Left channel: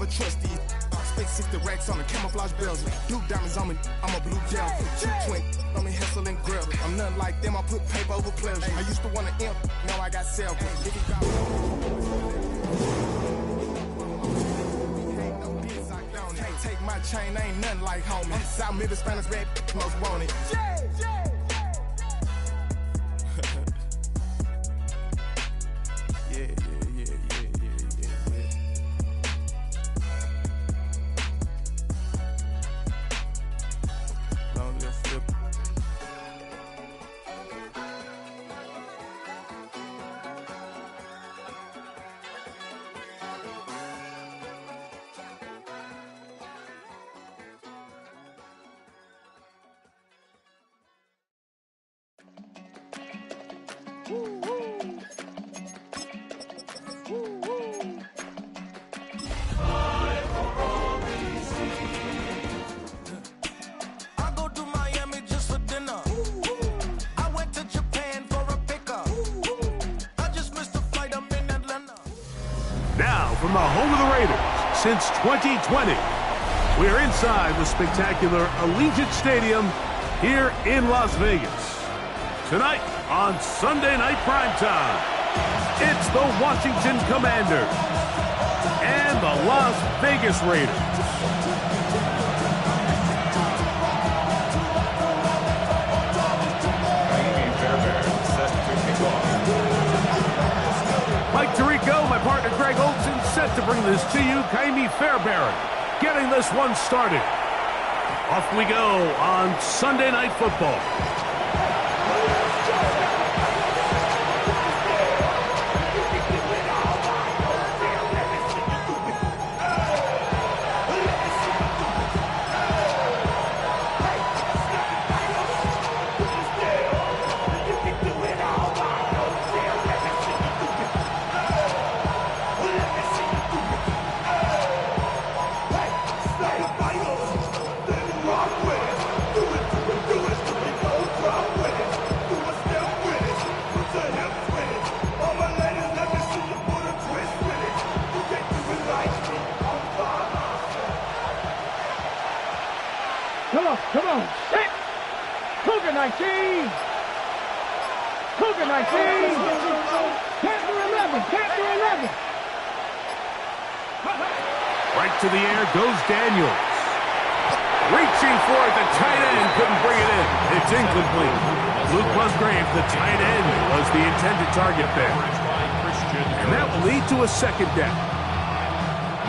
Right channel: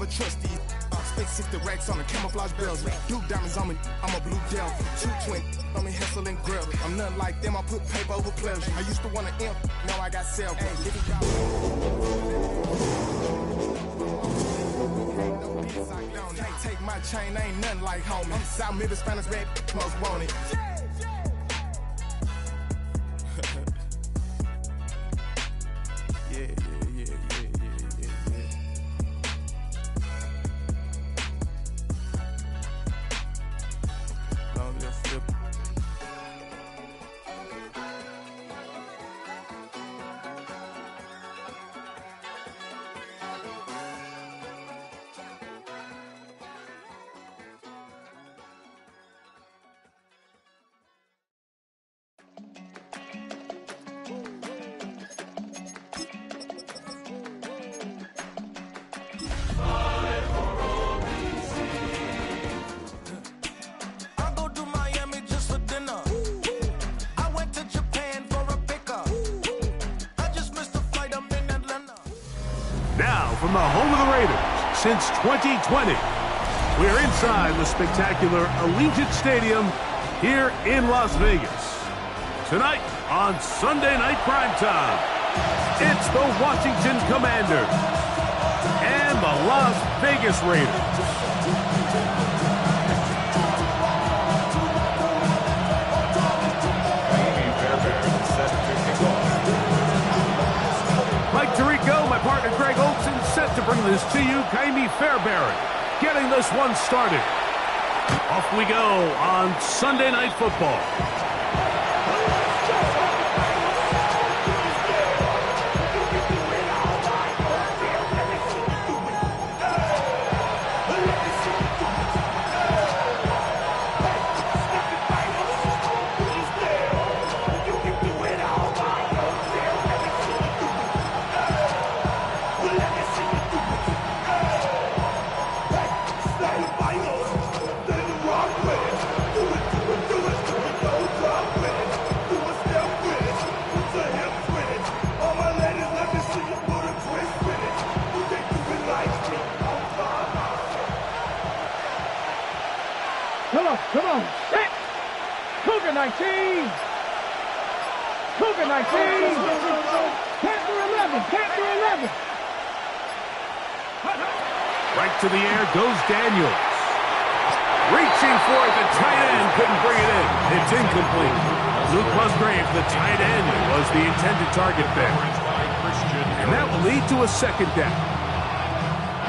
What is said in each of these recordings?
never trust these. Spent 60 racks on the camouflage bells. Blue diamonds on me, I'm a blue devil. 220 on me, hustle and grab. I'm nothing like them, I put paper over pleasure. I used to want to imp, now I got self. Can't take my chain, ain't nothing like homie. South Middle Spanish red, most wanted. Yeah. Long little flip. Now, from the home of the Raiders since 2020, we're inside the spectacular Allegiant Stadium here in Las Vegas. Tonight on Sunday Night Primetime, it's the Washington Commanders and the Las Vegas Raiders. Mike Tirico, my partner Greg Olson, set to bring this to you. Kaimi Fairbairn getting this one started. Off we go on Sunday Night Football. Come on, set! Cougar 19! Cougar 19! Panther 11! Panther 11! Right to the air goes Daniels. Reaching for it, the tight end couldn't bring it in. It's incomplete. Luke Musgrave, the tight end, was the intended target there. And that will lead to a second down.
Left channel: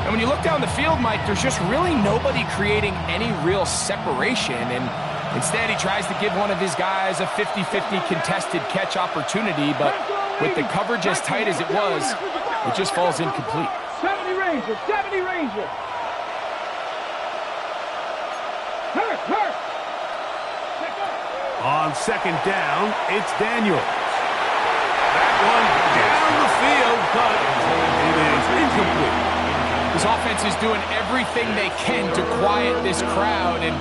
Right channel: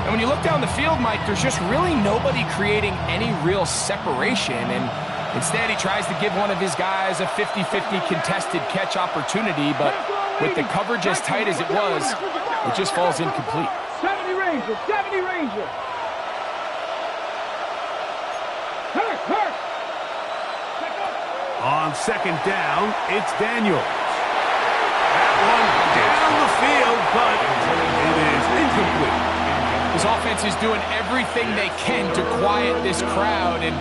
And when you look down the field, Mike, there's just really nobody creating any real separation. And instead, he tries to give one of his guys a 50-50 contested catch opportunity. But with the coverage as tight as it was, it just falls incomplete. 70 Ranger, 70 Ranger. Hurt. On second down, it's Daniels. That one down the field, but it is incomplete. This offense is doing everything they can to quiet this crowd, and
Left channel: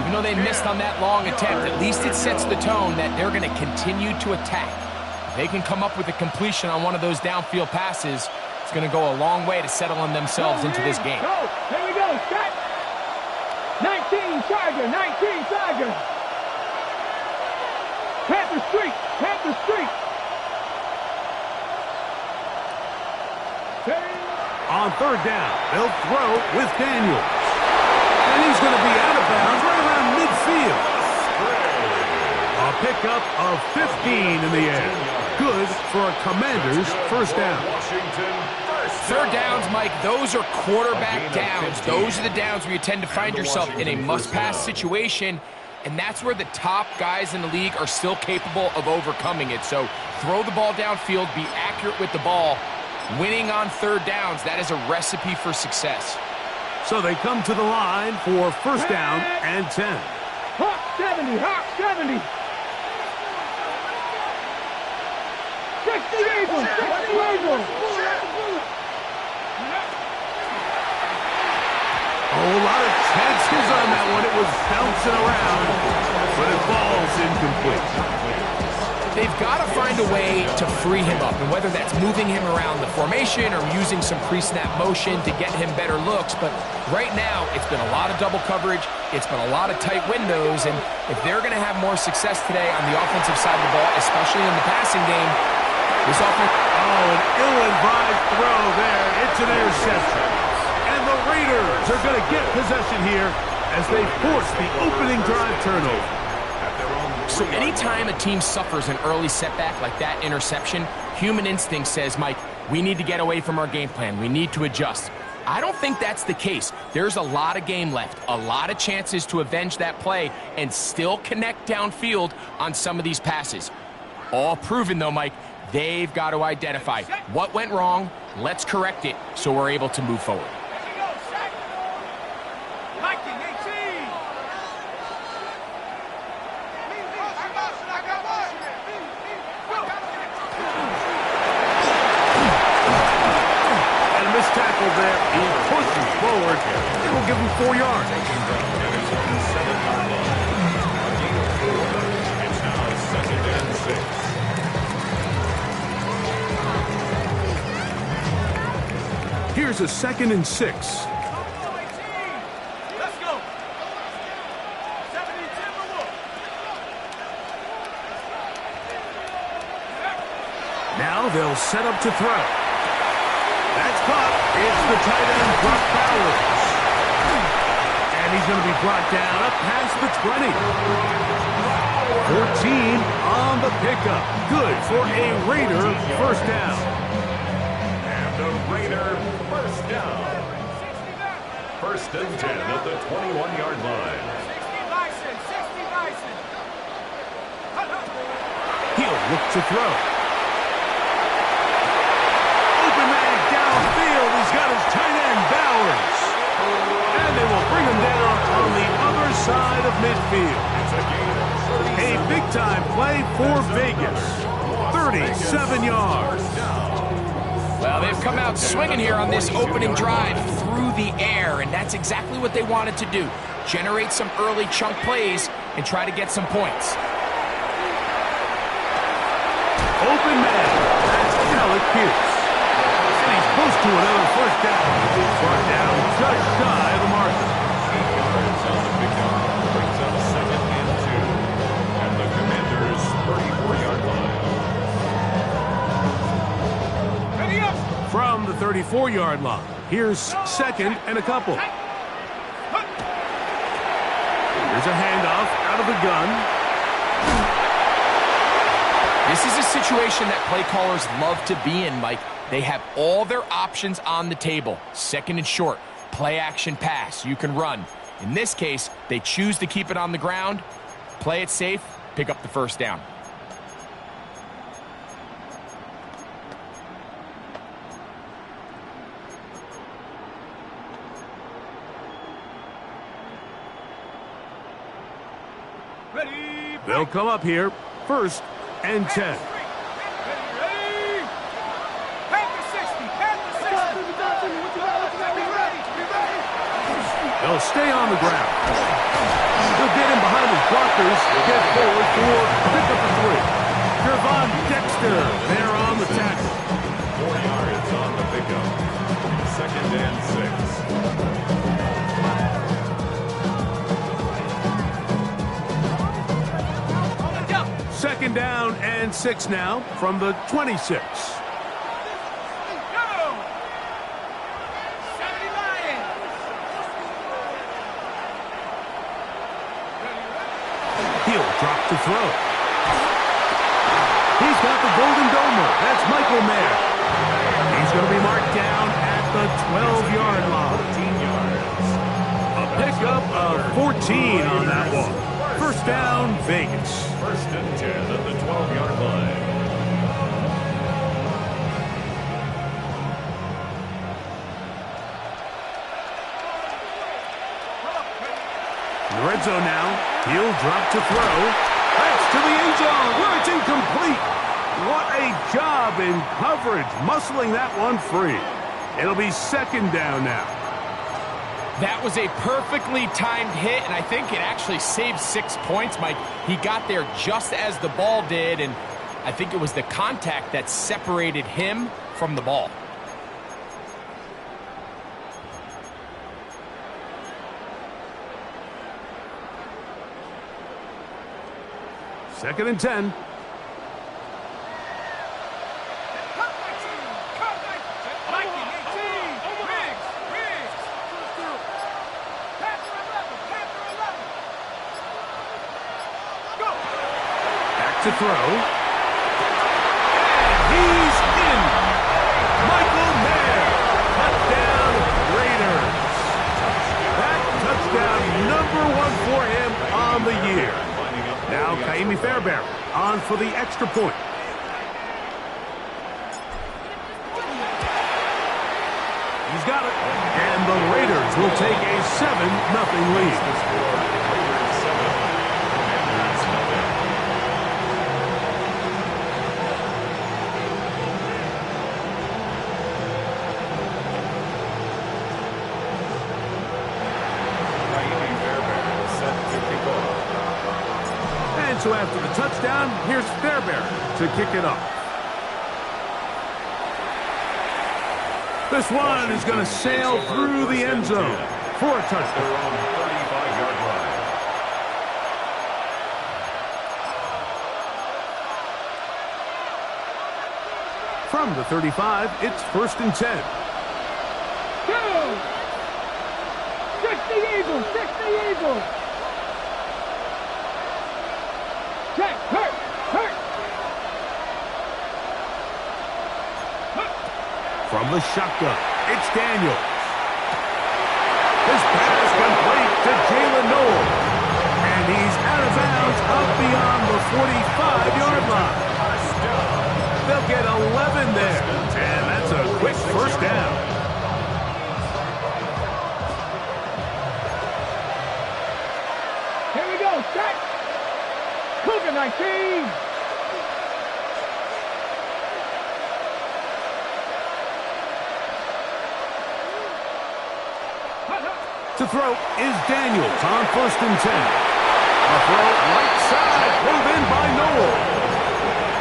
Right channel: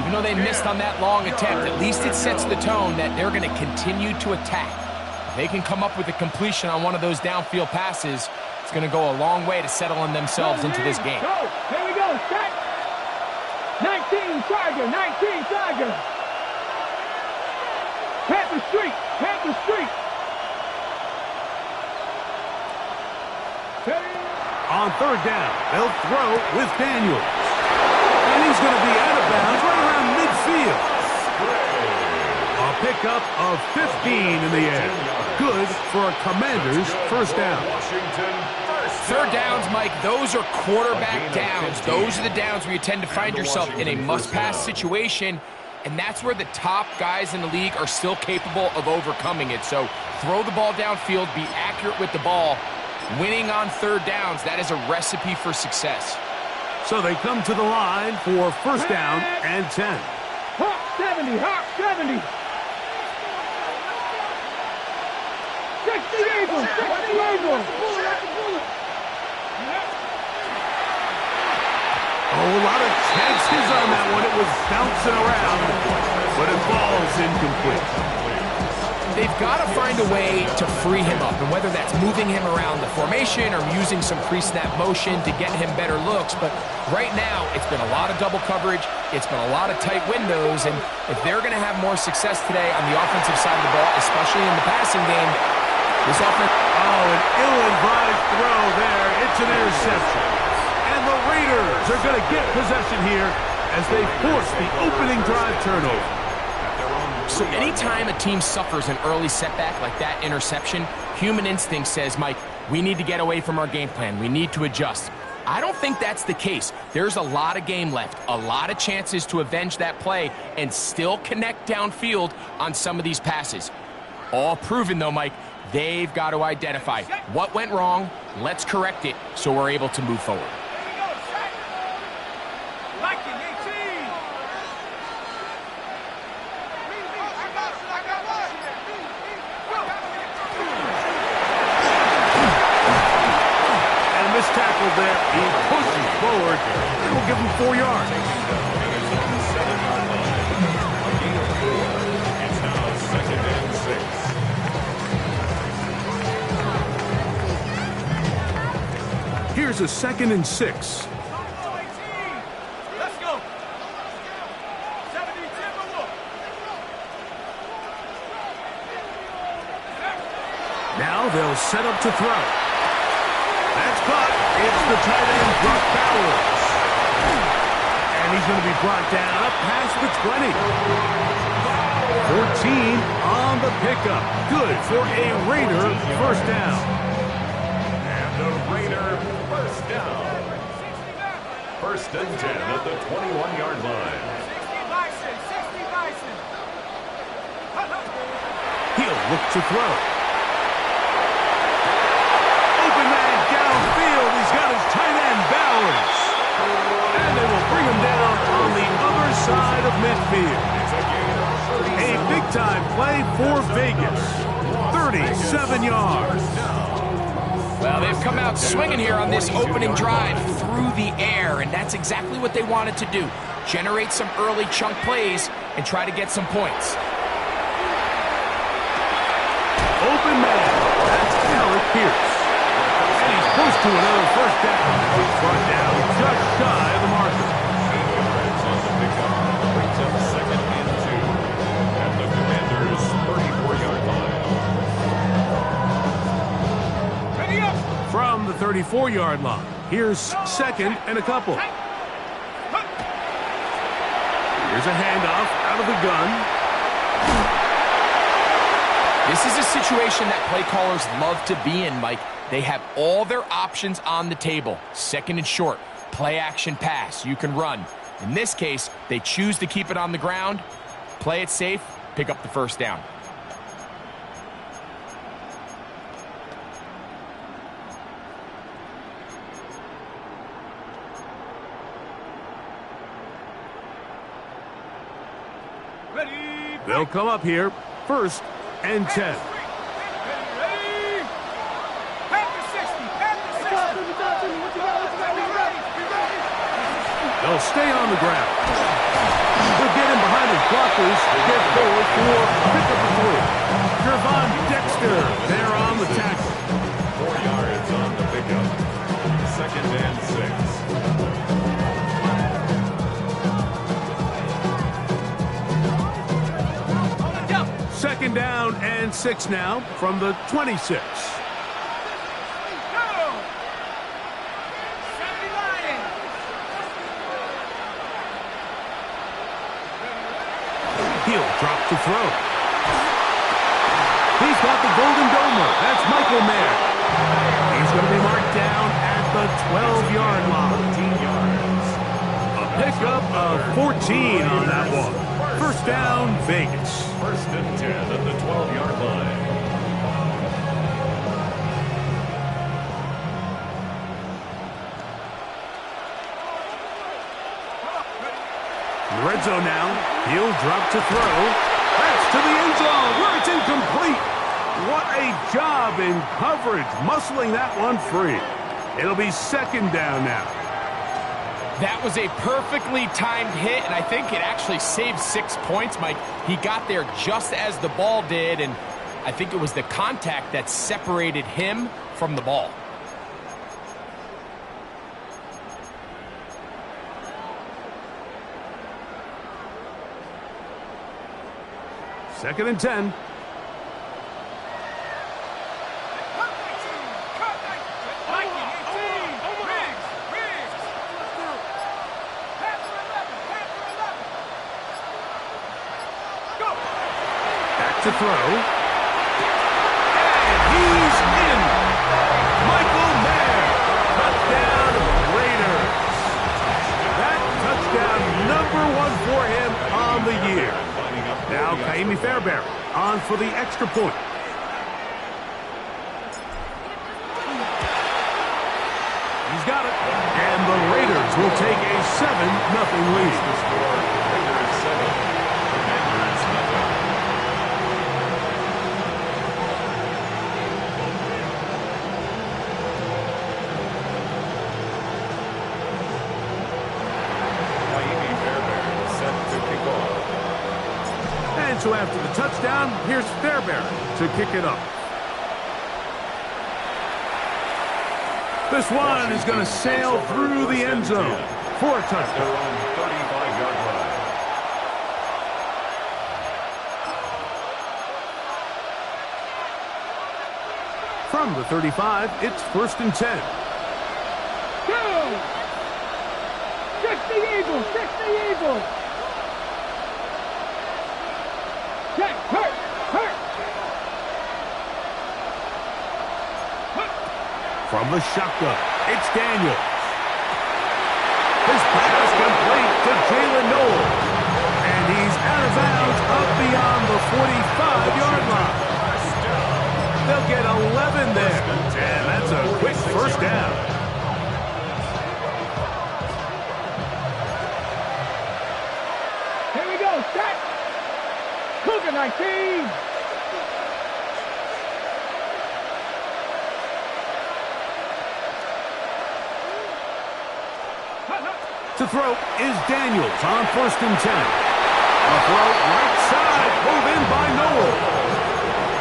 even though they missed on that long attempt, at least it sets the tone that they're going to continue to attack. If they can come up with a completion on one of those downfield passes, it's going to go a long way to settling themselves into this game. Go! Here we go! Set! 19 Tiger! 19 Tiger! Panther Street! Panther Street! On third down, they'll throw with Daniels. And he's going to be out of bounds right around midfield. A pickup of 15 in the air. Good for a Commander's first down. Third downs, Mike, those are quarterback downs. Those are the downs where you tend to find yourself in a must-pass situation, and that's where the top guys in the league are still capable of overcoming it. So throw the ball downfield, be accurate with the ball. Winning on third downs, that is a recipe for success. So they come to the line for first down and 10. Hawk 70, Hawk 70. 60 Eagles, 60 Eagles. Oh, a lot of chances on that one. It was bouncing around, but it falls incomplete. they've got to find a way to free him up, and whether that's moving him around the formation or using some pre-snap motion to get him better looks. But right now, it's been a lot of double coverage. It's been a lot of tight windows, and if they're going to have more success today on the offensive side of the ball, especially in the passing game, this offense... Oh, an ill-advised throw there. It's an interception. And the Raiders are going to get possession here as they force the opening drive turnover. So anytime a team suffers an early setback like that interception, human instinct says, Mike, we need to get away from our game plan. We need to adjust. I don't think that's the case. There's a lot of game left, a lot of chances to avenge that play and still connect downfield on some of these passes. All proven, though, Mike, they've got to identify what went wrong, let's correct it so we're able to move forward. Tackle there, he pushes forward. It will give him 4 yards. It's now 2nd and 6. Here's a 2nd and 6. Let's go. Now they'll set up to throw. That's caught. It's the tight end, Brock Bowers. And he's going to be brought down up past the 20. 14 on the pickup. Good for a Raider first down. And a Raider first down. 1st and 10 at the 21-yard line. 60 Bison. He'll look to throw. Open man downfield. He's got his tight end, Bowers. And they will bring him down on the other side of midfield. It's a gain of 37. A big-time play for Vegas. 37 yards. Well, they've come out swinging here on this opening drive through the air, and that's exactly what they wanted to do. Generate some early chunk plays and try to get some points. Open man. That's Alec Pierce. And he's close to another first down. Brought down just shy of the marker. 8 yards on the pickup. Brings up 2nd and 2 at the Commanders' 34-yard line. Ready up. From the 34-yard line, here's 2nd and a couple. Here's a handoff out of the gun. This is a situation that play callers love to be in, Mike. They have all their options on the table. 2nd and short, play action pass, you can run. In this case, they choose to keep it on the ground, play it safe, pick up the first down. Ready. They'll come up here, 1st and 10. Ready. Panther 60. Be ready. They'll stay on the ground. They'll get him behind his blockers, get forward for pickup of 3. Gervon Dexter there on the tackle. 4 yards on the pickup. 2nd and 6. 2nd down and 6 now from the 26. He'll drop to throw. He's got the Golden Domer. That's Michael Mayer. He's going to be marked down at the 12-yard line. 14 yards. A pickup of 14 on that one. First down, Vegas. 1st and 10 at the 12-yard line. In the red zone now, he'll drop to throw. That's to the end zone where it's incomplete. What a job in coverage, muscling that one free. It'll be 2nd down now. That was a perfectly timed hit, and I think it actually saved 6 points, Mike. He got there just as the ball did, and I think it was the contact that separated him from the ball. Second and 10. To throw. And he's in. Michael Mayer. Touchdown Raiders. That touchdown #1 for him on the year. Now Kaimi Fairbairn on for the extra point. He's got it. And the Raiders will take a 7-0 lead. Raiders 7, Commanders 0. And so after the touchdown, here's Fairbairn to kick it off. This one is going to sail through the end zone for a touchdown. Their own 35-yard line. From the 35, it's 1st and 10. Go! 60 Eagles, 60 Eagles. Check, hurt. From the shotgun, it's Daniels. His pass complete to Jalen Noel. And he's out of bounds up beyond the 45-yard line. They'll get 11 there. And that's a quick first down. Here we go, set. Cougar 19. To throw is Daniels on 1st and 10. A throw right side, pulled in by Noel.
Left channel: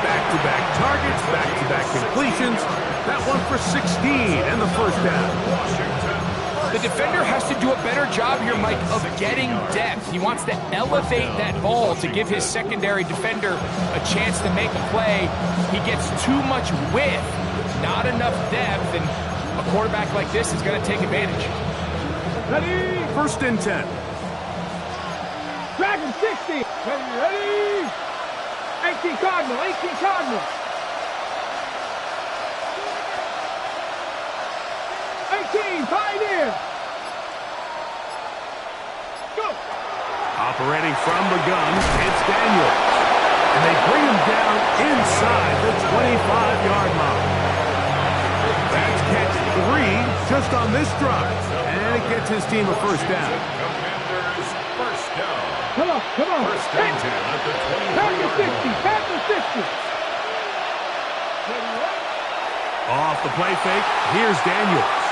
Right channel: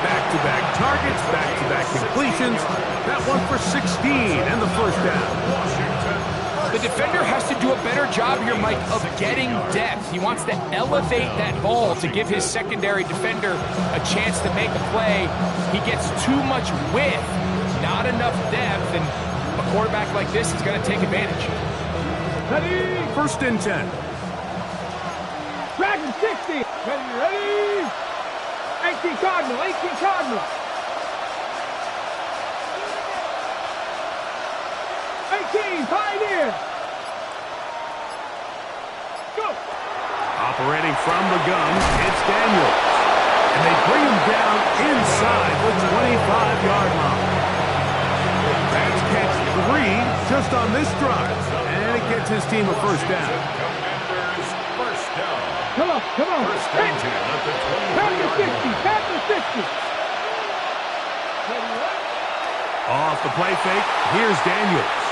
Back-to-back targets, back-to-back completions. That one for 16 and the first down. The defender has to do a better job here, Mike, of getting depth. He wants to elevate that ball to give his secondary defender a chance to make a play. He gets too much width, not enough depth, and a quarterback like this is going to take advantage. Ready? 1st and 10. Dragon 60. Ready? 18 Cardinal, 18 Cardinal. 18 Pioneer. Go. Operating from the gun, it's Daniels. And they bring him down inside the 25-yard line. That's catch 3 just on this drive. And it gets his team a first down. Commanders first down. Come on. First and 10 at the 23-yard line. Panther 60. Off the play fake, here's Daniels.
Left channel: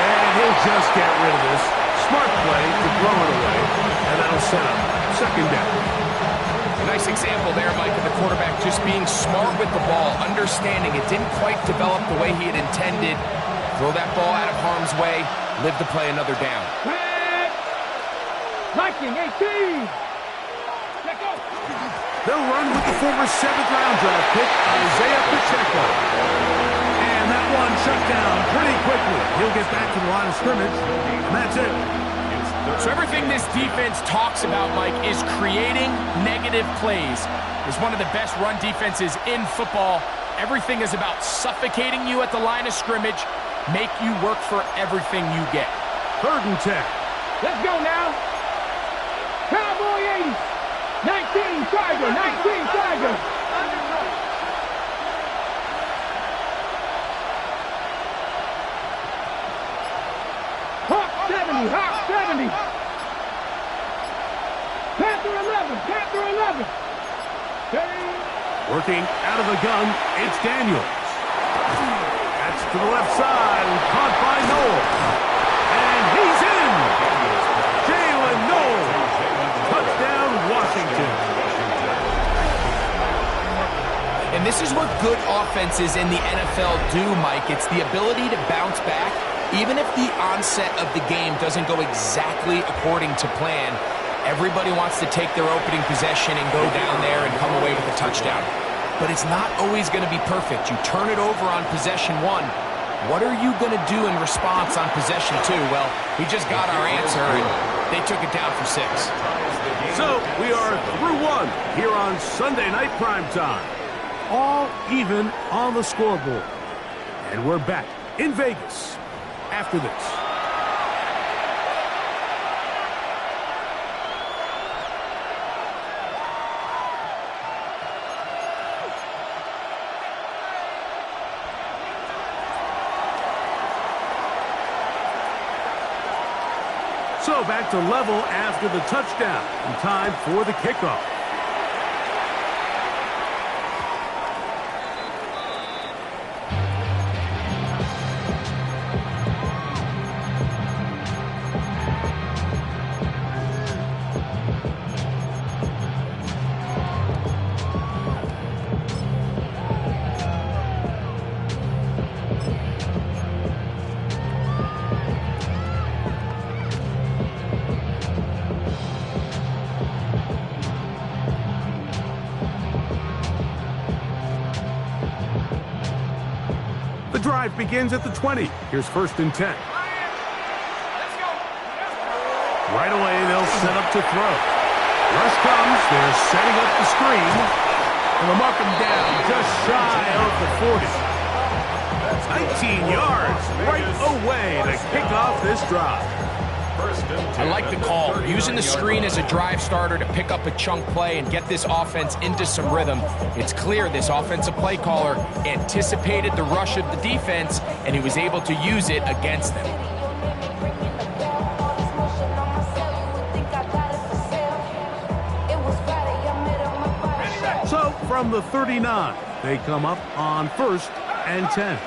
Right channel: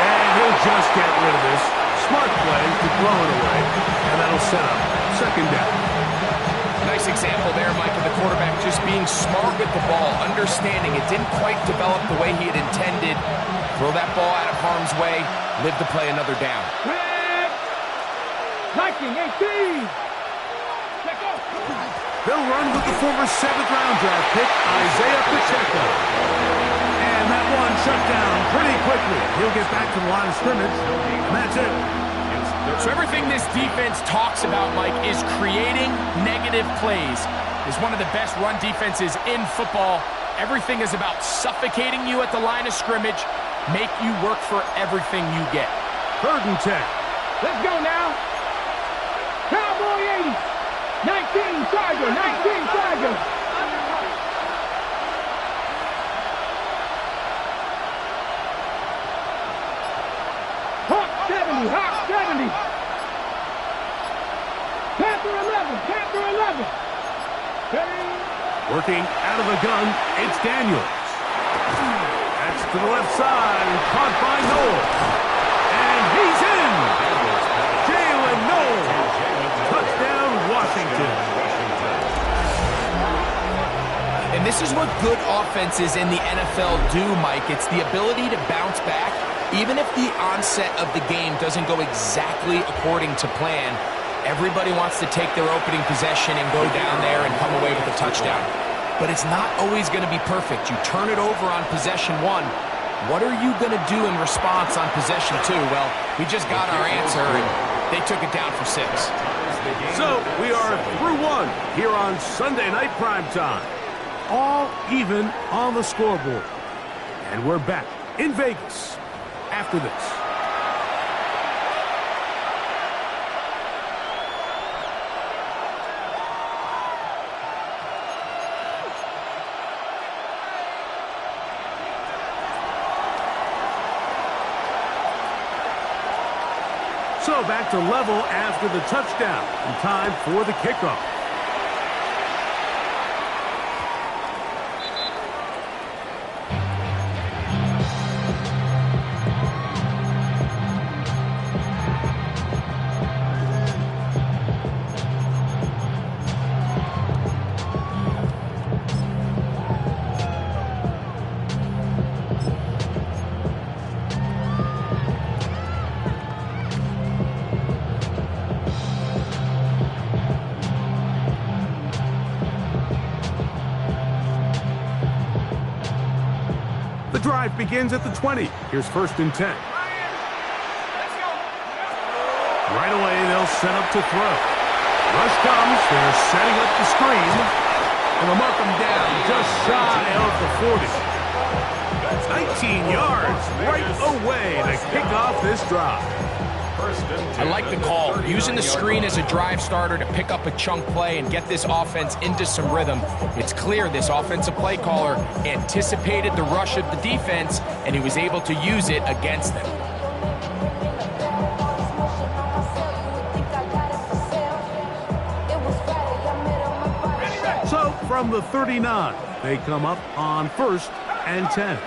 And he'll just get rid of this. Smart play to throw it away. And that'll set up second down. Nice example there, Mike, of the quarterback just being smart with the ball, understanding it didn't quite develop the way he had intended. Throw that ball out of harm's way, live to play another down. Viking 18. Let go. They'll run with the former 7th-round draft pick, Isaiah Pacheco. And that one shut down pretty quickly. He'll get back to the line of scrimmage, and that's it. So everything this defense talks about, Mike, is creating negative plays. It's one of the best run defenses in football. Everything is about suffocating you at the line of scrimmage, make you work for everything you get. 3rd and 10. Let's go now. Cowboy 80. 19 Tiger, 19 Tiger. Hawk 70, Hawk 70. Panther 11, Panther 11. Ready? Working out of the gun, it's Daniels. That's to the left side, caught by Noel. And he's in! Jalen Noel! Touchdown, Washington. this is what good offenses in the NFL do, Mike. It's the ability to bounce back, even if the onset of the game doesn't go exactly according to plan. Everybody wants to take their opening possession and go down there and come away with a touchdown. But it's not always going to be perfect. You turn it over on possession 1. What are you going to do in response on possession 2? Well, we just got our answer, and they took it down for 6. So we are through 1 here on Sunday Night Primetime. All even on the scoreboard. And we're back in Vegas after this. So back to level after the touchdown, and time for the kickoff. The drive begins at the 20. Here's 1st and 10. Right away, they'll set up to throw. Rush comes. They're setting up the screen. And they'll mark them down just shy of the 40. 19 yards right away to kick off this drive. I like the call. Using the screen as a drive starter to pick up a chunk play and get this offense into some rhythm. It's clear this offensive play caller anticipated the rush of the defense, and he was able to use it against them. So from the 39, they come up on 1st and 10.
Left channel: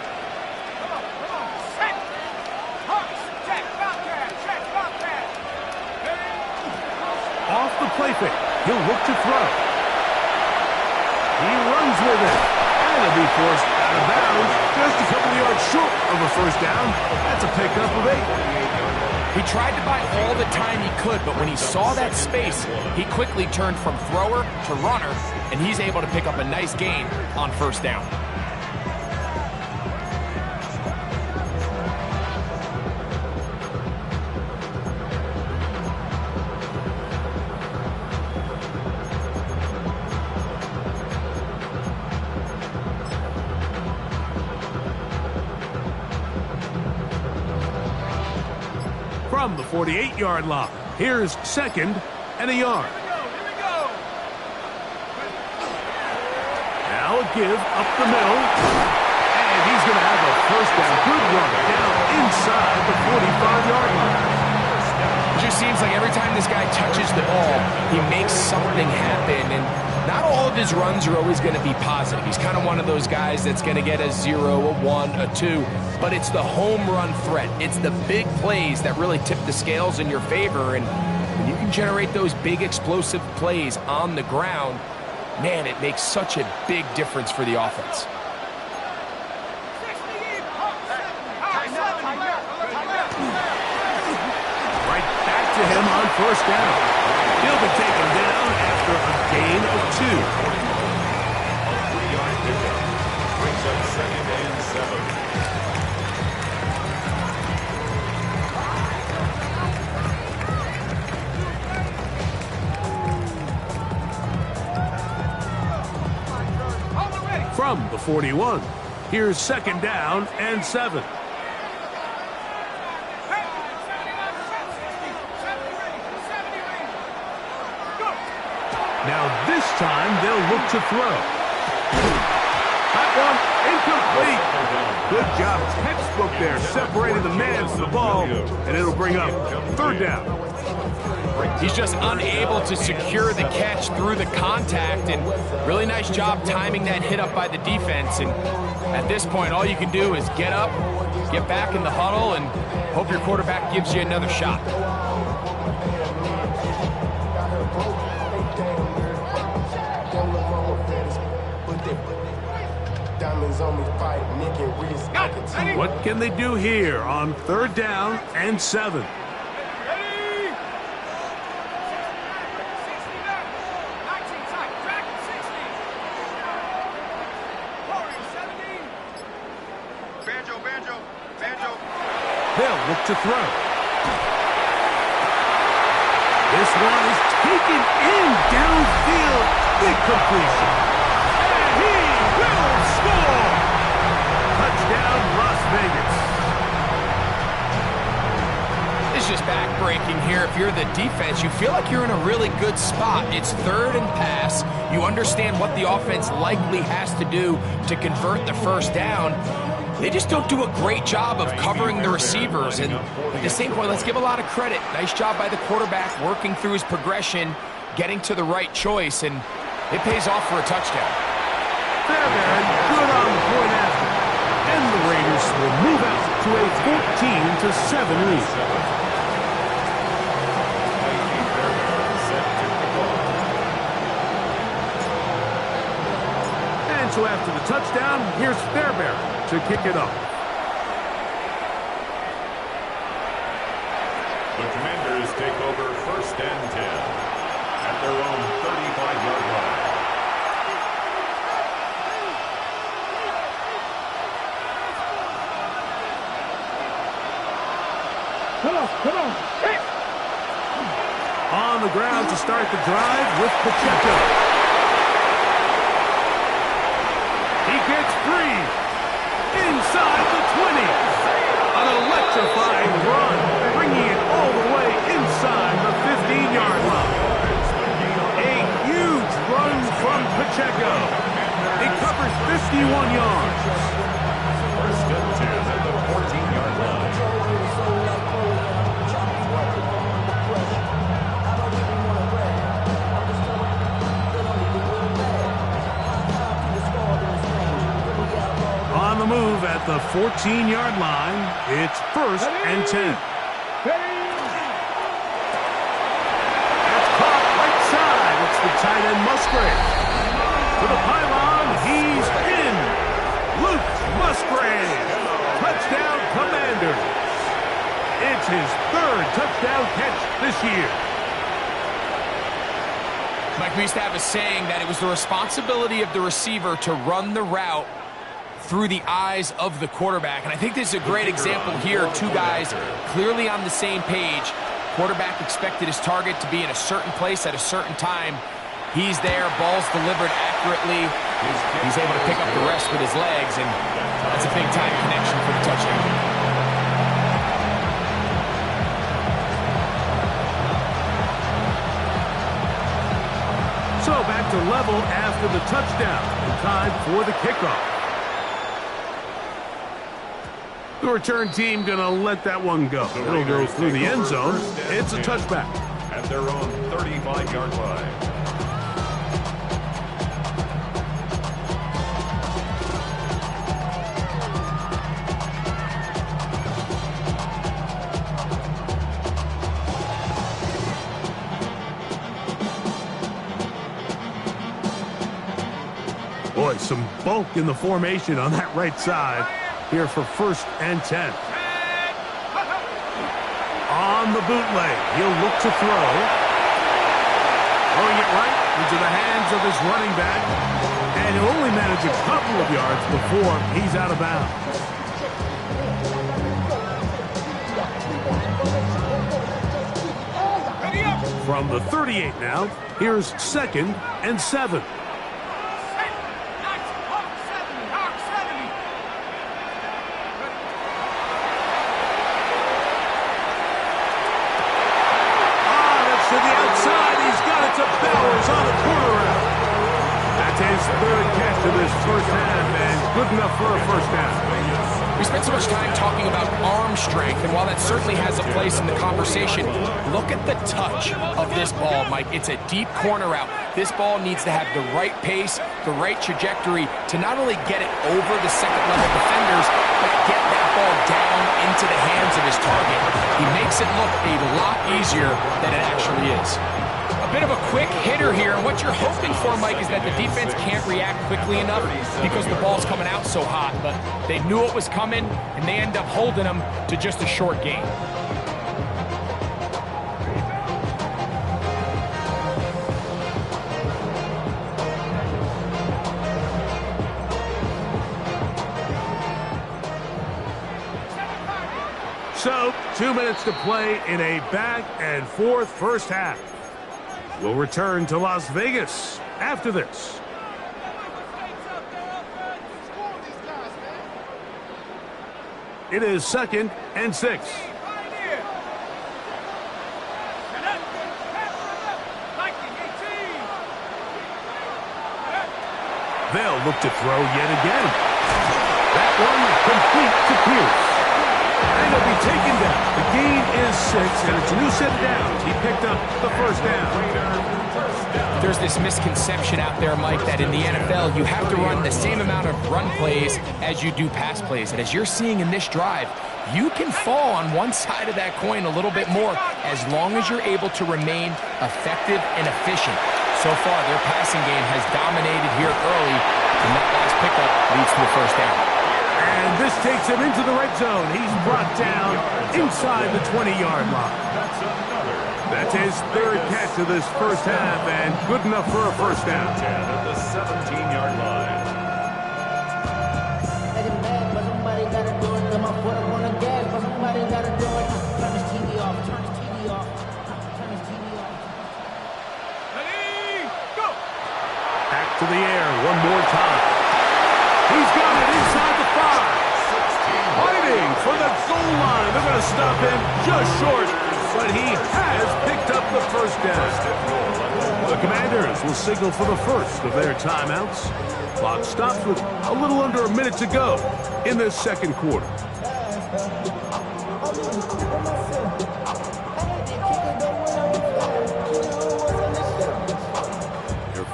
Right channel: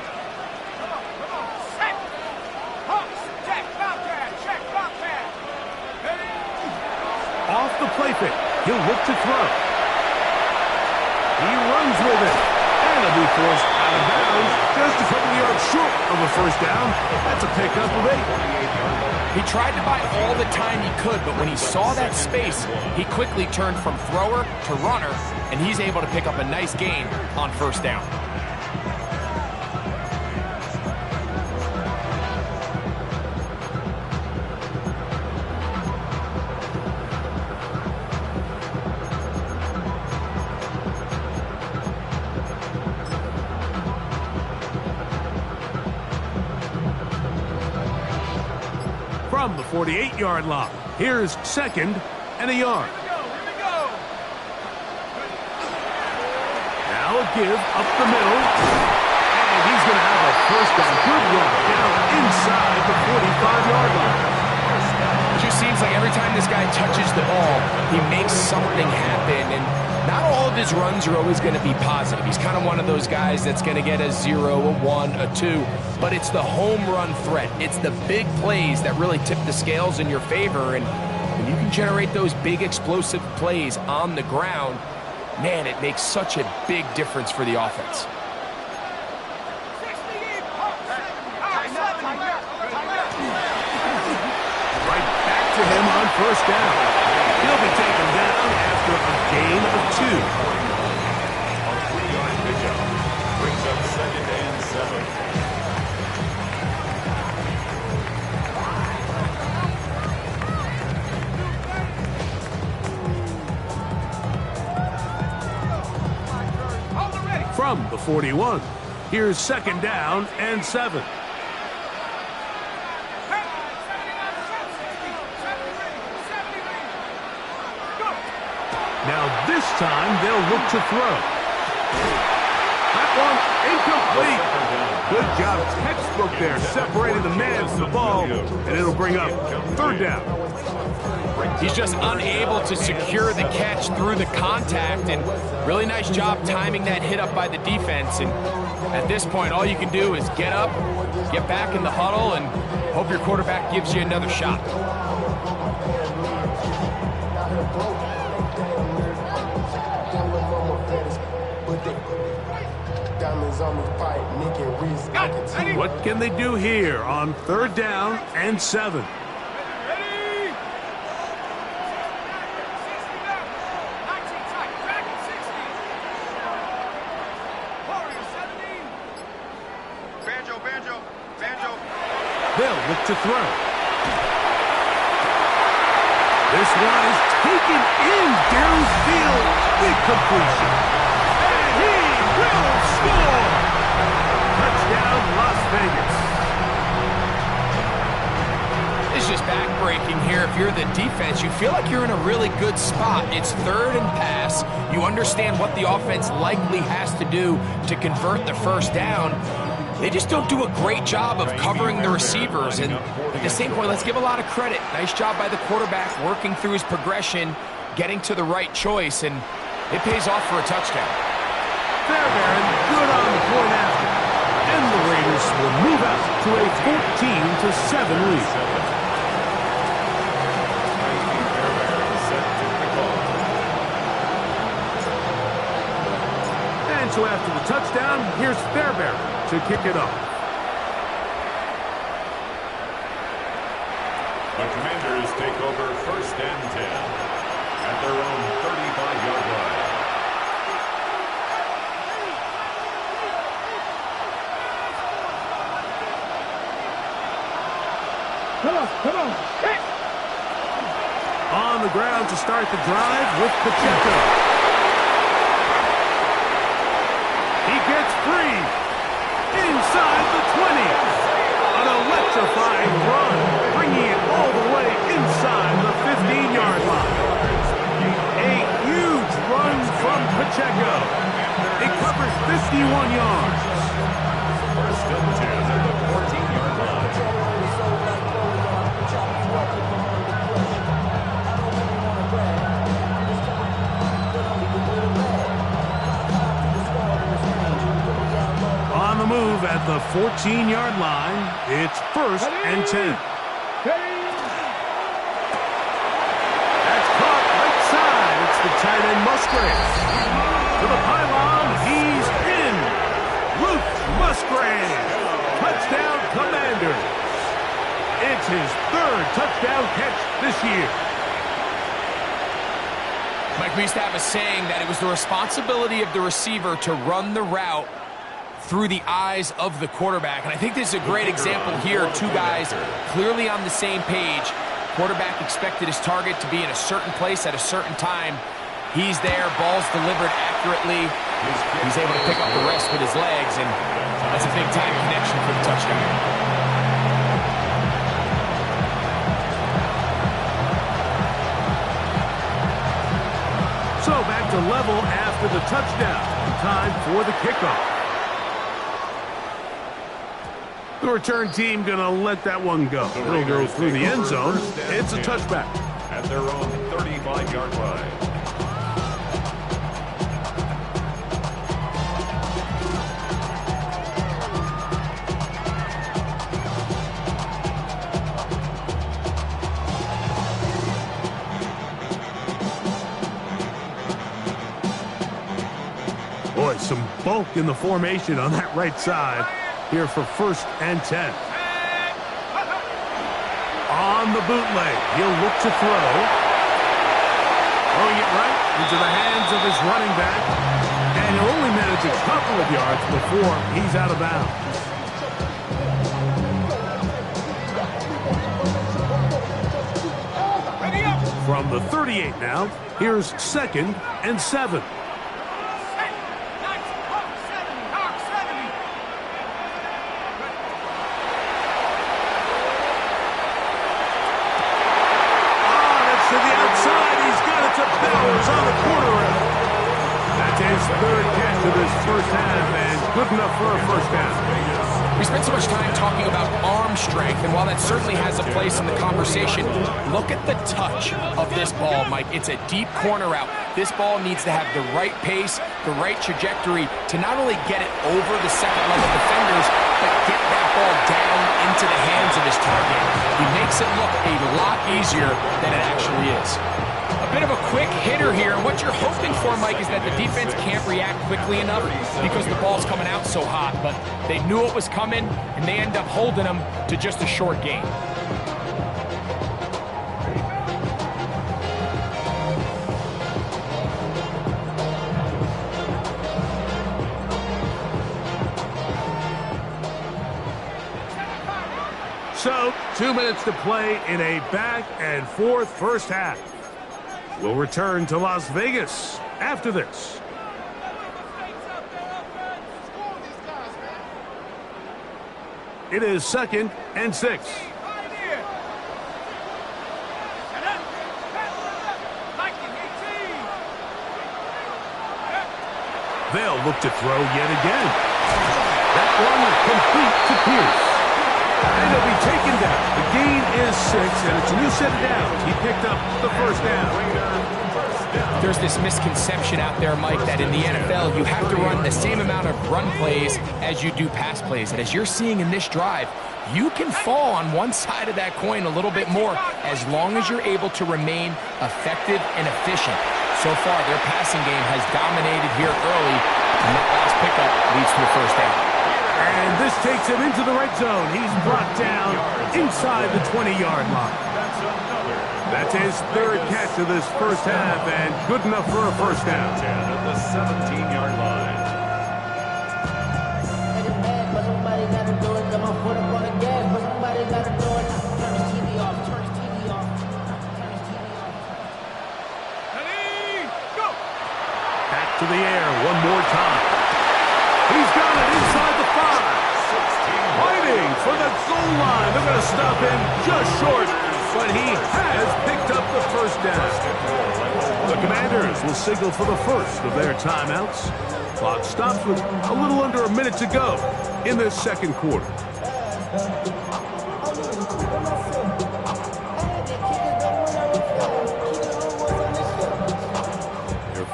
Off the play fake, he'll look to throw. He runs with it, and he'll be forced out of bounds just a couple of yards short of a 1st down. That's a pickup of 8. He tried to buy all the time he could, but when he saw that space, he quickly turned from thrower to runner, and he's able to pick up a nice gain on 1st down. From the 48-yard line, here's 2nd and a yard. Now a give up the middle, and he's going to have a 1st down. Good run down inside the 45-yard line. It just seems like every time this guy touches the ball, he makes something happen, and not all of his runs are always going to be positive. He's kind of one of those guys that's going to get a 0, a 1, a 2, but it's the home run threat. It's the big plays that really tip the scales in your favor, and when you can generate those big explosive plays on the ground, man, it makes such a big difference for the offense. Right back to him on 1st down. He'll be taken down after a gain of 2. A 3-yard pickup brings up 2nd and 7. From the 41, here's 2nd down and 7. Now this time they'll look to throw. That one incomplete. Good job, textbook there, separating the man from the ball, and it'll bring up 3rd down. He's just unable to secure the catch through the contact, and really nice job timing that hit up by the defense. And at this point, all you can do is get up, get back in the huddle, and hope your quarterback gives you another shot. diamonds on me, fight, Nick and Riz. I can tell. What can they do here on 3rd down and 7? They'll look to throw. This one is taken in downfield. Big completion. And he will score. Touchdown, Las Vegas. It's just back-breaking here. If you're the defense, you feel like you're in a really good spot. It's 3rd and pass. You understand what the offense likely has to do to convert the 1st down. They just don't do a great job of covering the receivers. And at the same point, let's give a lot of credit. Nice job by the quarterback working through his progression, getting to the right choice, and it pays off for a touchdown. Fairbairn good on the point after. And the Raiders will move out to a 14-7 lead. And so after the touchdown, here's Fairbairn to kick it off. The Commanders take over 1st and 10 at their own 35-yard line. Come on. Hey. On the ground to start the drive with Pacheco. He gets free. Inside the 20. An electrifying run, bringing it all the way inside the 15-yard line. A huge run from Pacheco. It covers 51 yards. 1st and 10 at the 14-yard line. On the move at the 14-yard line, it's 1st and 10. That's caught right side. It's the tight end Musgrave. To the pylon, he's in. Luke Musgrave. Touchdown, Commanders. It's his 3rd touchdown catch this year. Mike, we used to have a saying that it was the responsibility of the receiver to run the route through the eyes of the quarterback. And I think this is a great example here. 2 guys clearly on the same page. Quarterback expected his target to be in a certain place at a certain time. He's there, ball's delivered accurately. He's able to pick up the rest with his legs, and that's a big-time connection for the touchdown. So back to level after the touchdown. Time for the kickoff. The return team going to let that one go. It'll go through the end zone. It's a touchback. At their own 35-yard line. Boy, some bulk in the formation on that right side. Here for 1st and 10. On the bootleg, he'll look to throw. Throwing it right into the hands of his running back. And he'll only manage a couple of yards before he's out of bounds. From the 38 now, here's 2nd and 7. To the outside, he's got it to Bowers on the corner route. That's his 3rd catch of this 1st half, and good enough for a 1st down. We spent so much time talking about arm strength, and while that certainly has a place in the conversation, look at the touch of this ball, Mike. It's a deep corner route. This ball needs to have the right pace, the right trajectory to not only get it over the 2nd-level defenders, but get that ball down into the hands of his target. He makes it look a lot easier than it actually is. A bit of a quick hitter here, and what you're hoping for, Mike, is that the defense can't react quickly enough because the ball's coming out so hot, but they knew it was coming, and they end up holding them to just a short gain. So, 2 minutes to play in a back-and-forth first half. We'll return to Las Vegas after this. It is 2nd and 6. They'll look to throw yet again. That one complete to Pierce. And he'll be taken down. The gain is 6, and it's a new set of downs. He picked up the first down. There's this misconception out there, Mike, that in the NFL, you have to run the same amount of run plays as you do pass plays. And as you're seeing in this drive, you can fall on one side of that coin a little bit more as long as you're able to remain effective and efficient. So far, their passing game has dominated here early, and that last pickup leads to a first down. And this takes him into the red zone. He's brought down inside the 20-yard line. That's his third catch of this first half, and good enough for a first down. 10 at the 17-yard line. But somebody gotta do it. Got my foot up on the gas, but somebody gotta do it. Turn his TV off. Turn his TV off. Turn his TV off. Ready, go! Back to the air one more time. He's got it inside the 5. Fighting for the goal line. They're going to stop him just short, but he has picked up the first down. The Commanders will signal for the first of their timeouts. Clock stops with a little under a minute to go in this second quarter.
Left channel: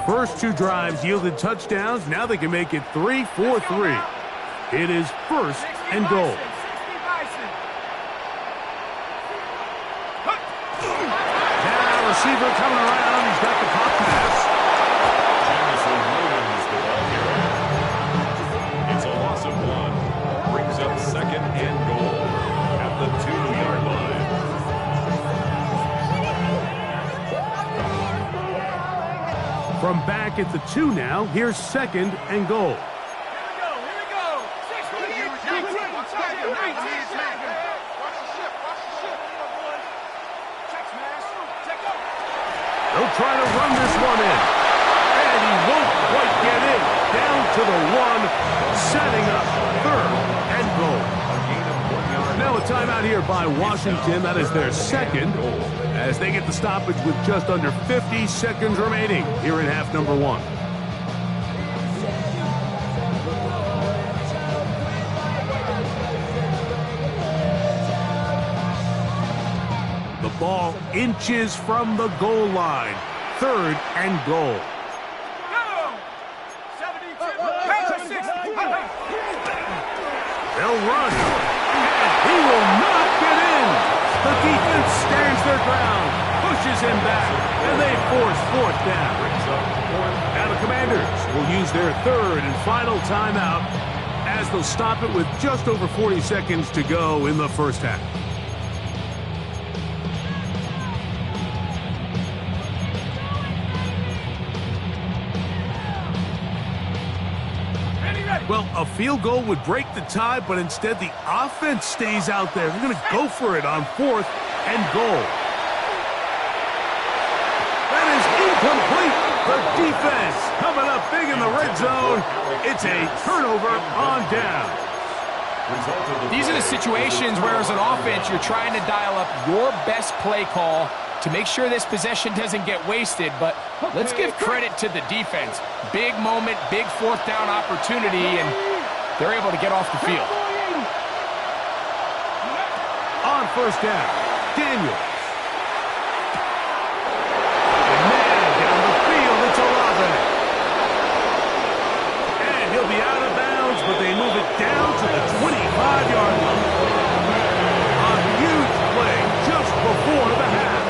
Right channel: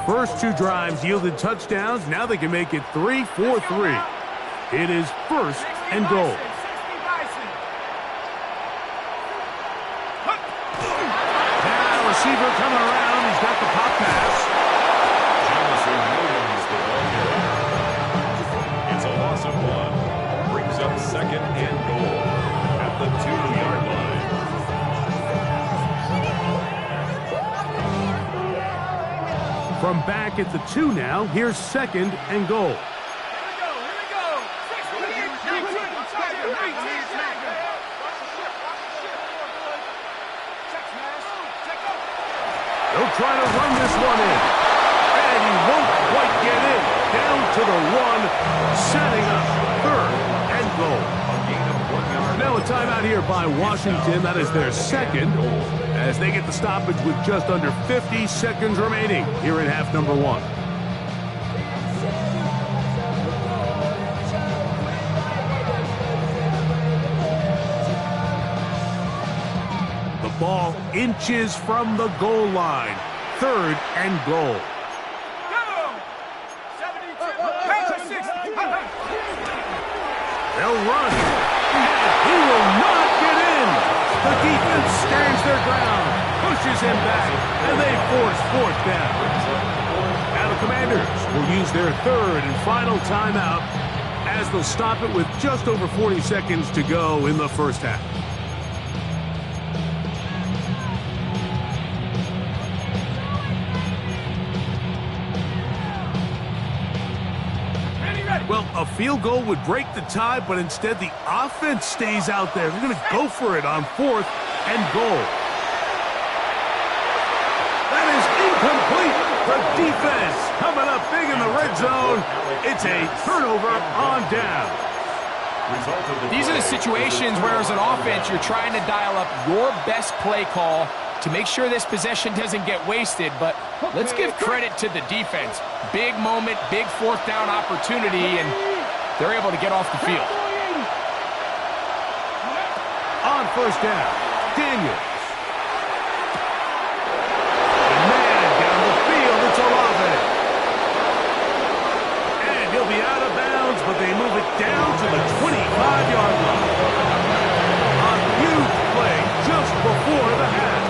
First 2 drives yielded touchdowns. Now they can make it 3-4-3. It is 1st and goal. Now receiver coming around. He's got the pop pass. Jamison Williams the ball carrier. It's a loss of 1. Brings up 2nd and goal at the 2-yard line. From back at the 2 now, here's 2nd and goal. Here we go. 19. They'll try to run this one in. And he won't quite get in. Down to the 1, setting up 3rd and goal. A gain of 1 yard. Now a timeout here by Washington. That is their second, as they get the stoppage with just under 50 seconds remaining here in half number 1. The ball inches from the goal line. 3rd and goal. They'll run, and he will not get in. The defense stands their ground, pushes him back, and they force 4th down. Now the Commanders will use their 3rd and final timeout as they'll stop it with just over 40 seconds to go in the first half. Well, a field goal would break the tie, but instead the offense stays out there. They're going to go for it on 4th and goal. That is incomplete. The defense coming up big in the red zone. It's a turnover on down. These are the situations where as an offense you're trying to dial up your best play call to make sure this possession doesn't get wasted, but let's give credit to the defense. Big moment, big 4th down opportunity, and they're able to get off the field. On 1st down, Daniels. And man, down the field, it's Olave. And he'll be out of bounds, but they move it down to the 25-yard line. A huge play just before the half.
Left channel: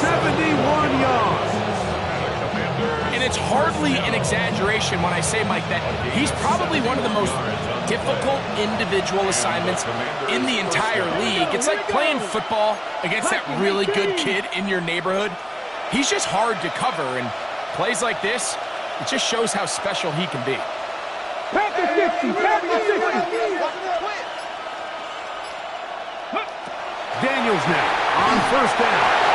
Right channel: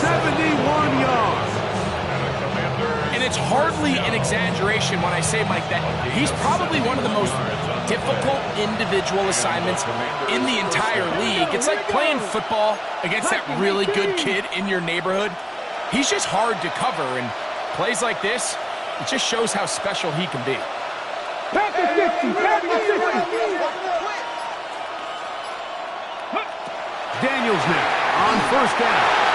71 yards. And it's hardly an exaggeration when I say, Mike, that he's probably one of the most difficult individual assignments in the entire league. It's like playing football against that really good kid in your neighborhood. He's just hard to cover, and plays like this, it just shows how special he can be. Daniels now on first down.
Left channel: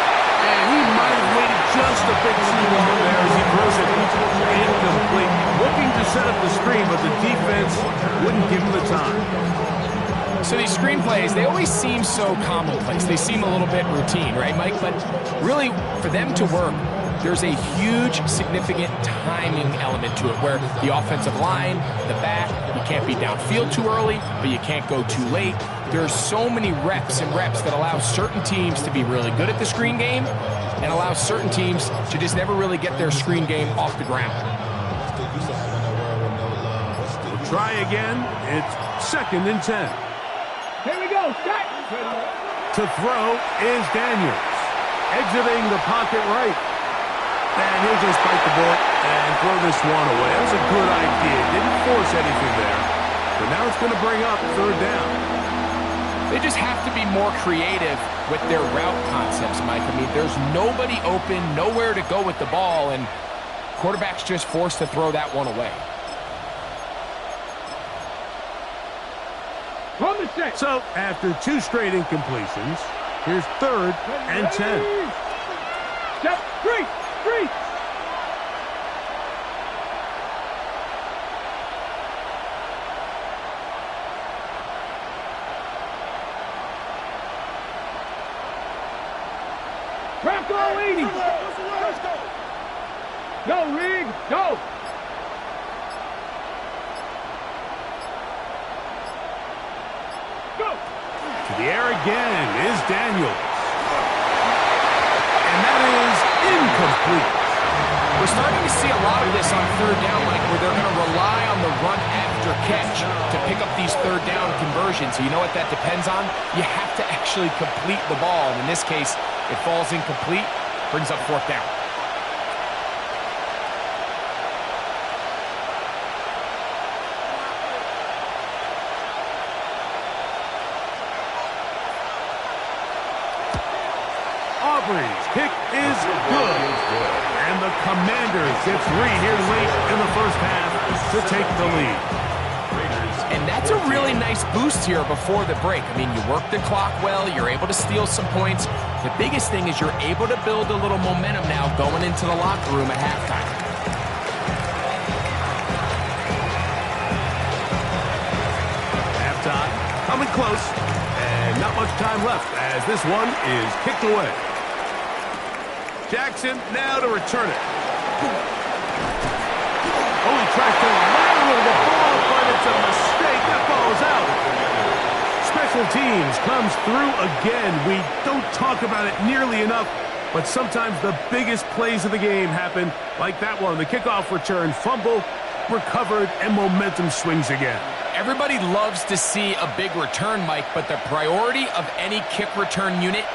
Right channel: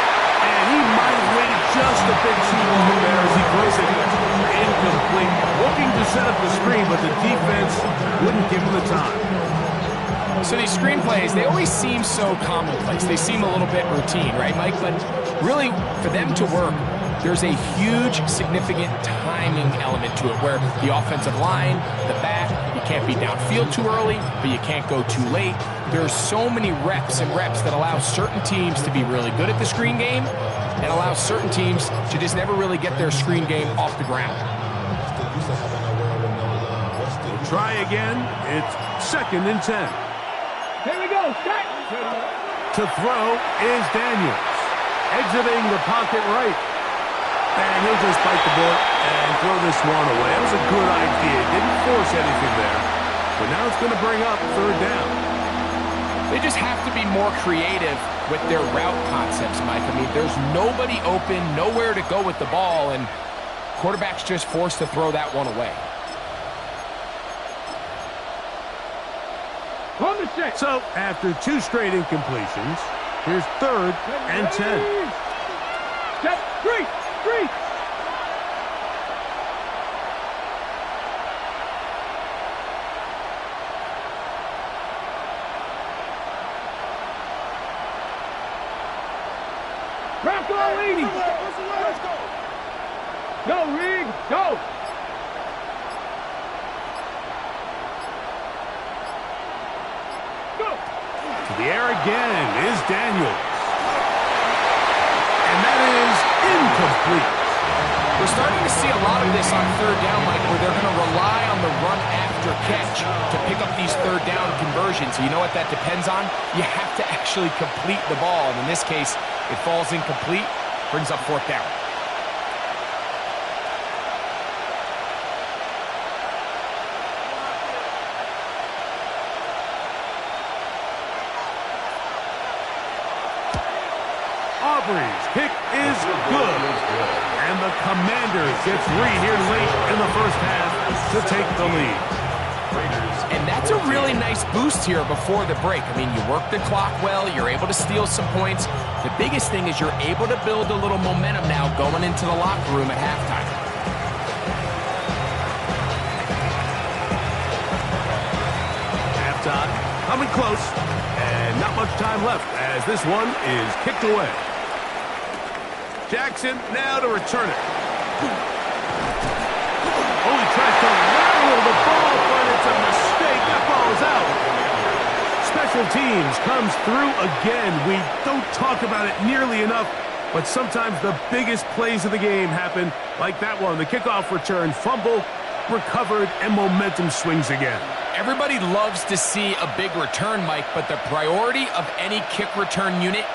And he might have waited just a bit too long there as he throws it incomplete. Looking to set up the screen, but the defense wouldn't give him the time. So these screen plays, they always seem so commonplace. They seem a little bit routine, right, Mike? But really, for them to work, there's a huge, significant timing element to it where the offensive line, the back, you can't be downfield too early, but you can't go too late. There's so many reps and reps that allow certain teams to be really good at the screen game and allow certain teams to just never really get their screen game off the ground. We'll try again. It's 2nd and 10. Here we go, start. To throw is Daniels. Exiting the pocket right. And he'll just bite the bullet and throw this one away. That was a good idea. Didn't force anything there. But now it's going to bring up 3rd down. They just have to be more creative with their route concepts, Mike. I mean, there's nobody open, nowhere to go with the ball, and quarterback's just forced to throw that one away. So, after 2 straight incompletions, here's 3rd and 10. Step 3. Bronco 80. Let's go. Go, Reed. Go. Go. To the air again is Daniels. And that is incomplete. We're starting to see a lot of this on 3rd down, Mike, where they're going to rely on the run after catch to pick up these 3rd down conversions. You know what that depends on? You have to actually complete the ball, and in this case, it falls incomplete, brings up 4th down. Aubrey's kick is good. And the Commanders get 3 here late in the first half to take the lead. And that's a really nice boost here before the break. I mean, you work the clock well, you're able to steal some points. The biggest thing is you're able to build a little momentum now going into the locker room at halftime. Halftime coming close, and not much time left as this one is kicked away. Jackson now to return it. Oh, he tries to lateral the ball, but it's a mistake. That ball is out. Special teams comes through again. We don't talk about it nearly enough, but sometimes the biggest plays of the game happen like that one. The kickoff return, fumble, recovered, and momentum swings again. Everybody loves to see a big return, Mike, but the priority of any kick return unit,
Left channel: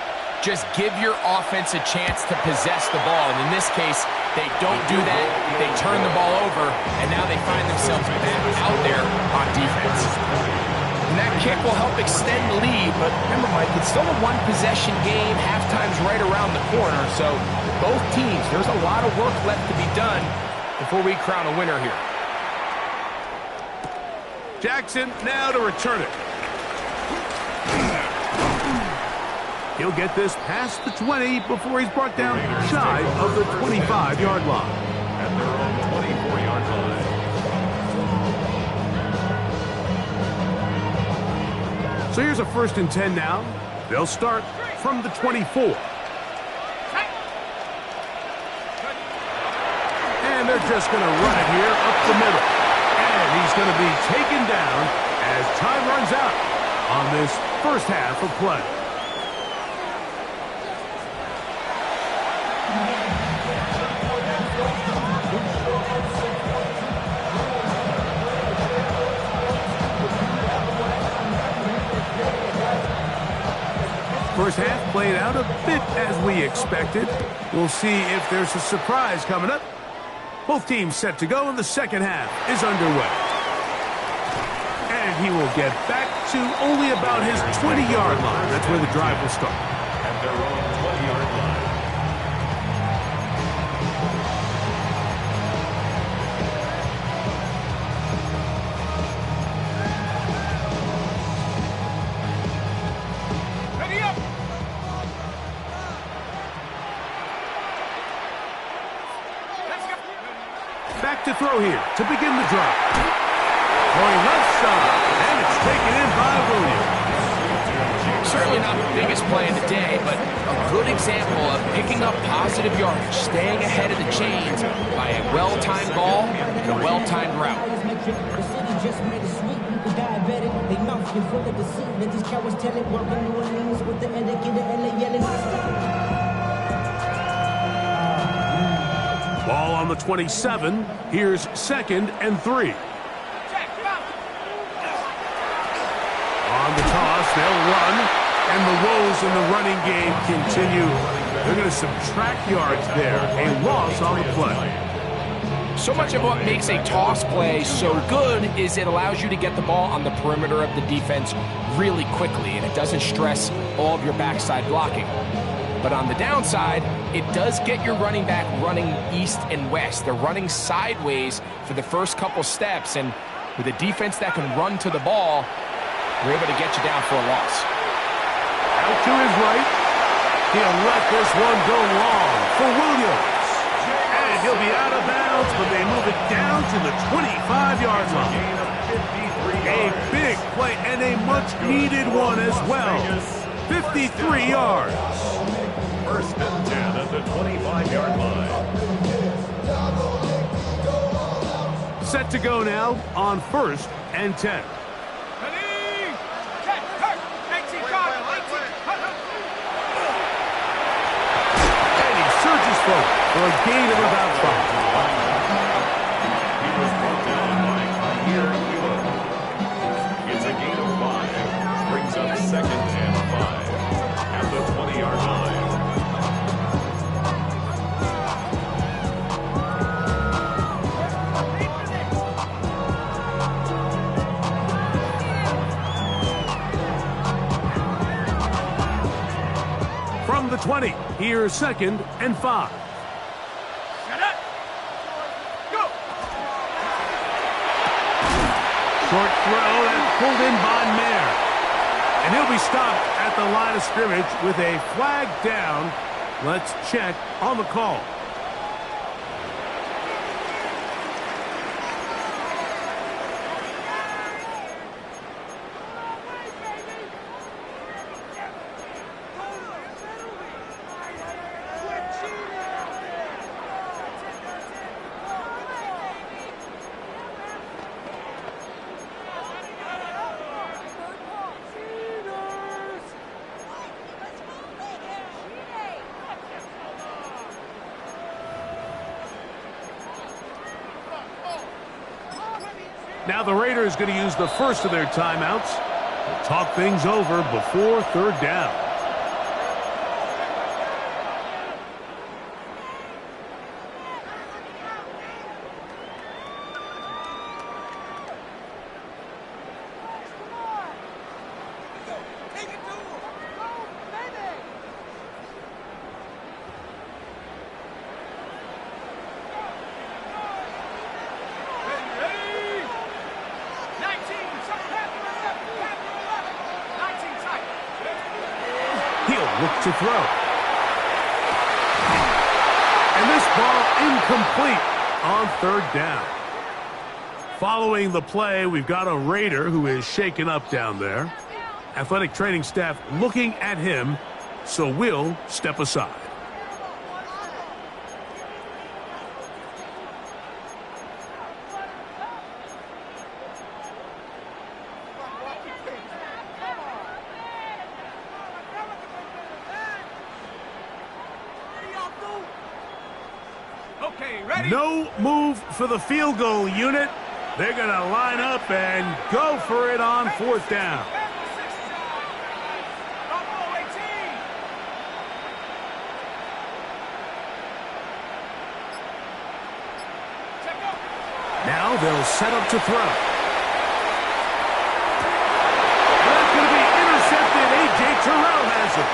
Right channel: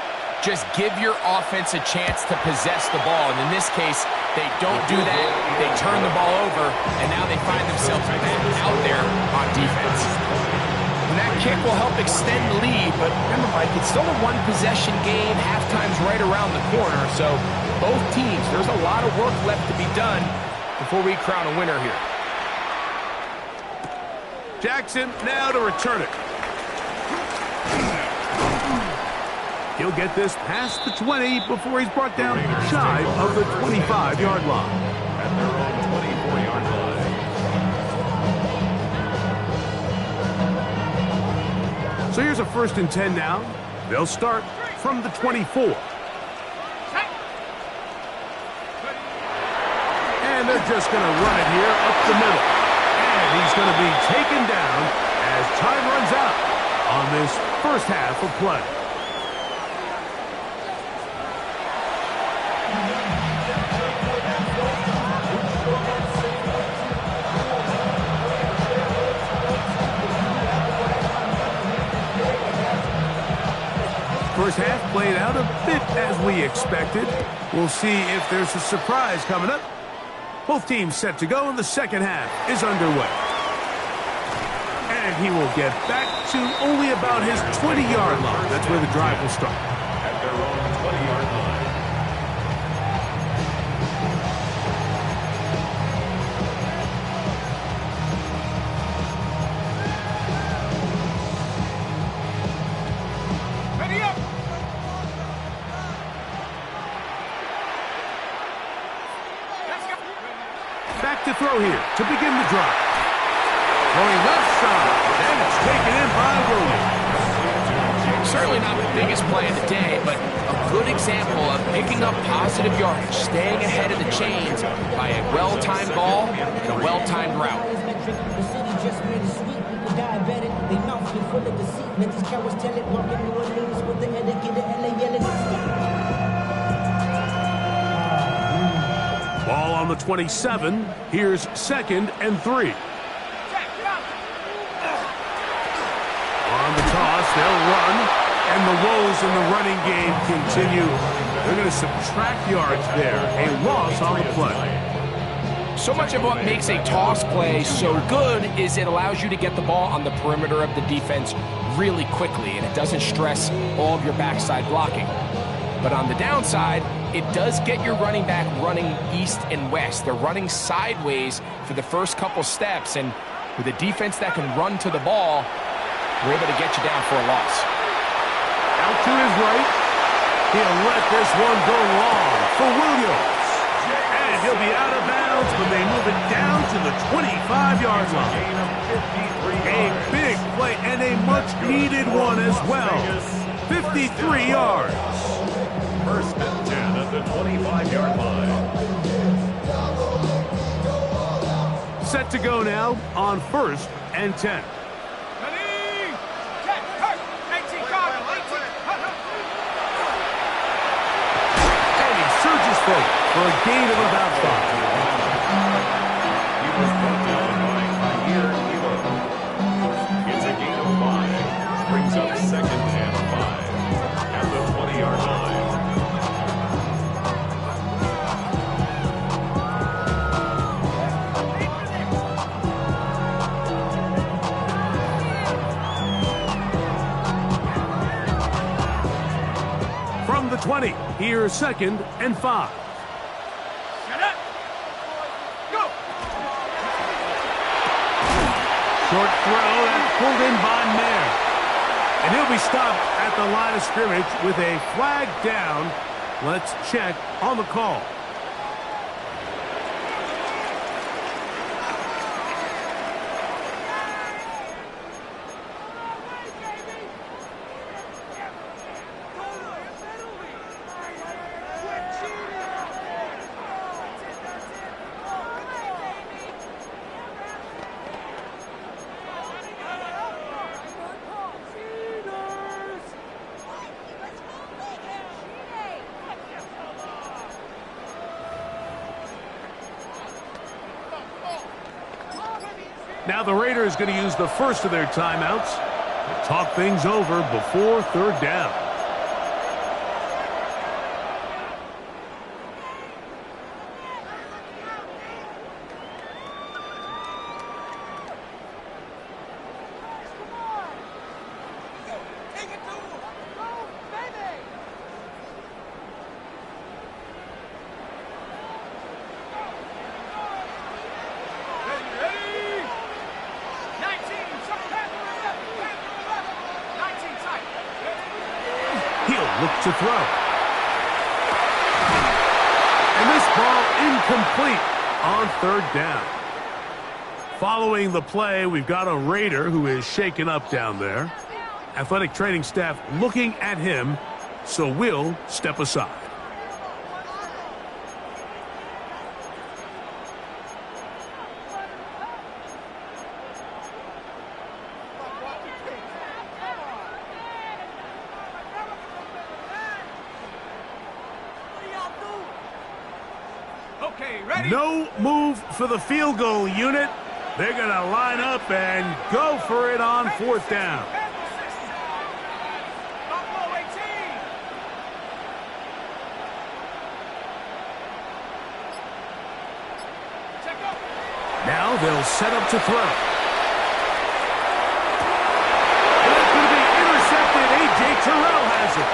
just give your offense a chance to possess the ball. And in this case, they don't do that. They turn the ball over, and now they find themselves back out there on defense. And that kick will help extend the lead, but remember, Mike, it's still a one-possession game. Halftime's right around the corner, so both teams, there's a lot of work left to be done before we crown a winner here. Jackson now to return it. He'll get this past the 20 before he's brought down shy of the 25-yard line. At their own 24-yard line. So here's a 1st and 10 now. They'll start from the 24. And they're just going to run it here up the middle. And he's going to be taken down as time runs out on this first half of play. First half played out a bit as we expected. We'll see if there's a surprise coming up Both teams set to go, and the second half is underway. And he will get back to only about his 20-yard line. That's where the drive will start. At their own 20-yard line. Ready up. Let's go. Back to throw here to begin the drive. Throwing left side, and it's taken in by Williams. Certainly not the biggest play of the day, but a good example of picking up positive yardage, staying ahead of the chains by a well-timed ball and a well-timed route. The city just made it sweet. People diabetic. They mouth get full of deceit. Let these cowards tell it. Walking New Orleans with the etiquette, the LA yelling. Ball on the 27. Here's 2nd and 3. On the toss, they'll run, and the woes in the running game continue. They're going to subtract yards there. A loss on the play. So much of what makes a toss play so good is it allows you to get the ball on the perimeter of the defense really quickly, and it doesn't stress all of your backside blocking. But on the downside, it does get your running back running east and west. They're running sideways for the first couple steps, and with a defense that can run to the ball, we're able to get you down for a loss. Out to his right. He'll let this one go long for Williams. And he'll be out of bounds, but they move it down to the 25-yard line. Gain of 53 A yards. big play and a much-needed one as well. 53 yards. 1st and 10 at the 25-yard line. Set to go now on 1st and 10. Ready. Check. Hurt. 18 guard. 18. Hurt. And he surges forward for a gain of about 5. He was brought down by Khair Elo. It's a gain of 5. Brings up 2nd and 5 at the 20-yard line. From the 20, here's 2nd and 5. Shut up. Go. Short throw that's pulled in by Mayer. And he'll be stopped at the line of scrimmage with a flag down. Let's check on the call. Now the Raiders going to use the first of their timeouts to talk things over before 3rd down. Look to throw. And this ball incomplete on 3rd down. Following the play, we've got a Raider who is shaken up down there. Athletic training staff looking at him, so we'll step aside. Okay, ready? No move for the field goal unit. They're going to line up and go for it on 4th down. Now they'll set up to throw. And that's going to be intercepted. A.J. Terrell has it.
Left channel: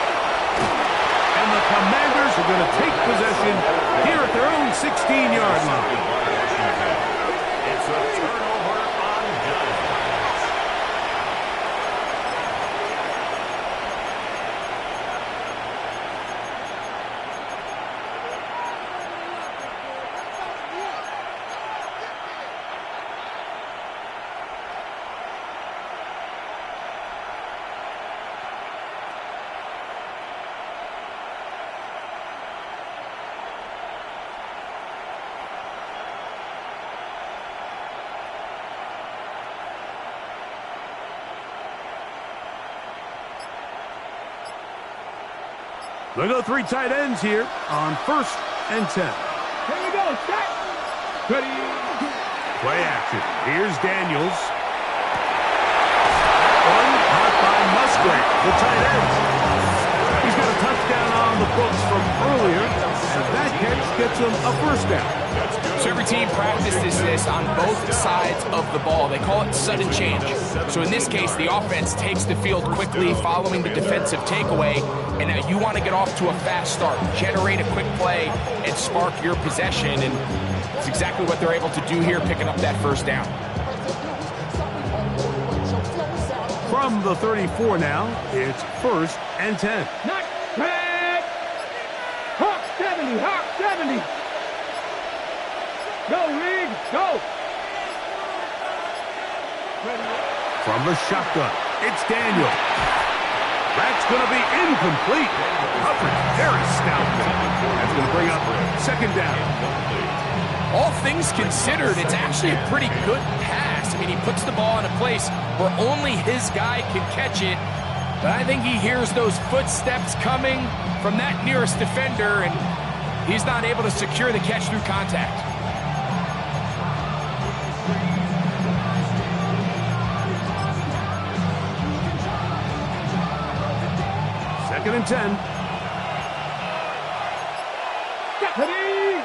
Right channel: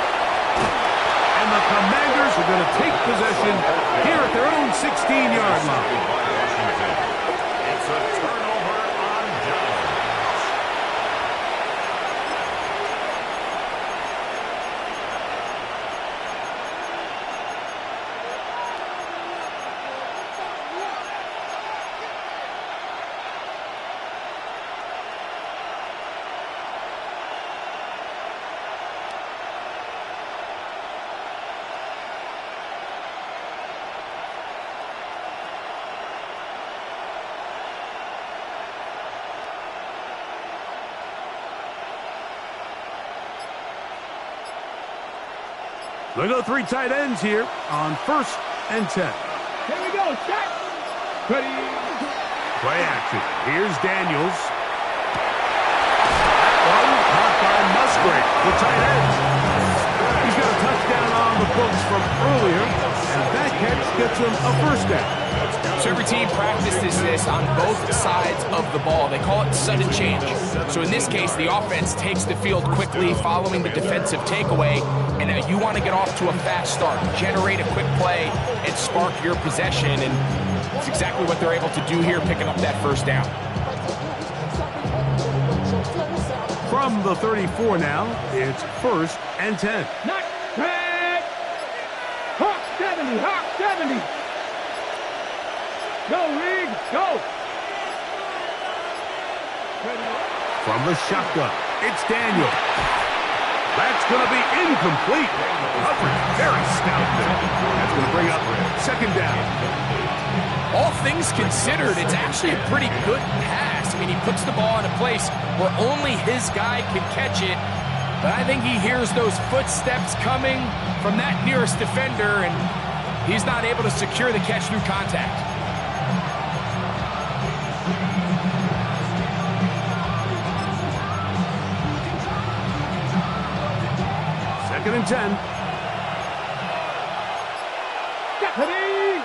And the Commanders are going to take possession here at their own 16-yard line. It's a turnover on downs. They go 3 tight ends here on 1st and 10. Here we go, set. Ready. Play action. Here's Daniels. That one caught by Musgrave, the tight end. He's got a touchdown on the books from earlier, and that catch gets him a first down. So every team practices this on both sides of the ball. They call it sudden change. So in this case, the offense takes the field quickly following the defensive takeaway, and now you want to get off to a fast start, generate a quick play, and spark your possession, and it's exactly what they're able to do here, picking up that first down. From the 34 now, it's 1st and 10. Not bad. Hawk 70, Hawk 70. Go, Rig, go. Ready. From the shotgun, it's Daniel. That's going to be incomplete. Coverage very stout there. That's going to bring up 2nd down. All things considered, it's actually a pretty good pass. I mean, he puts the ball in a place where only his guy can catch it. But I think he hears those footsteps coming from that nearest defender, and he's not able to secure the catch through contact. Second and 10. Deputy.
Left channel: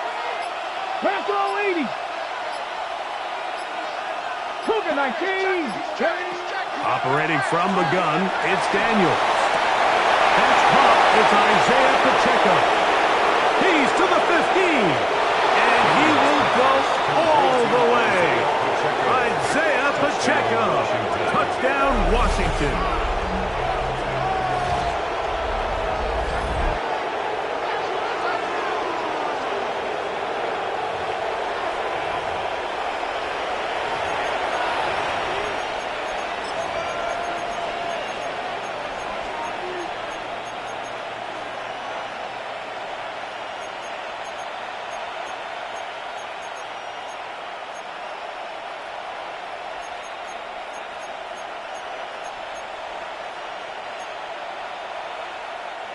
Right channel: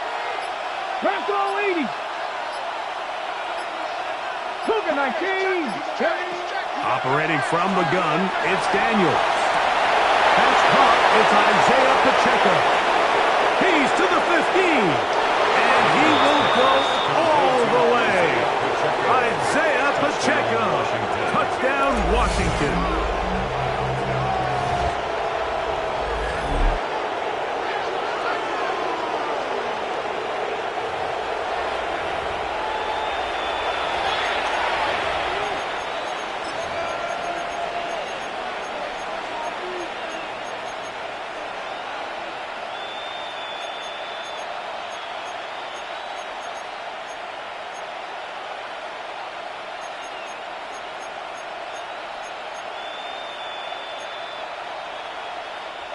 Bronco 80. Cougar 19. Operating from the gun, it's Daniels. That's caught. It's Isaiah Pacheco. He's to the 15. And he will go all the way. Isaiah Pacheco. Touchdown, Washington.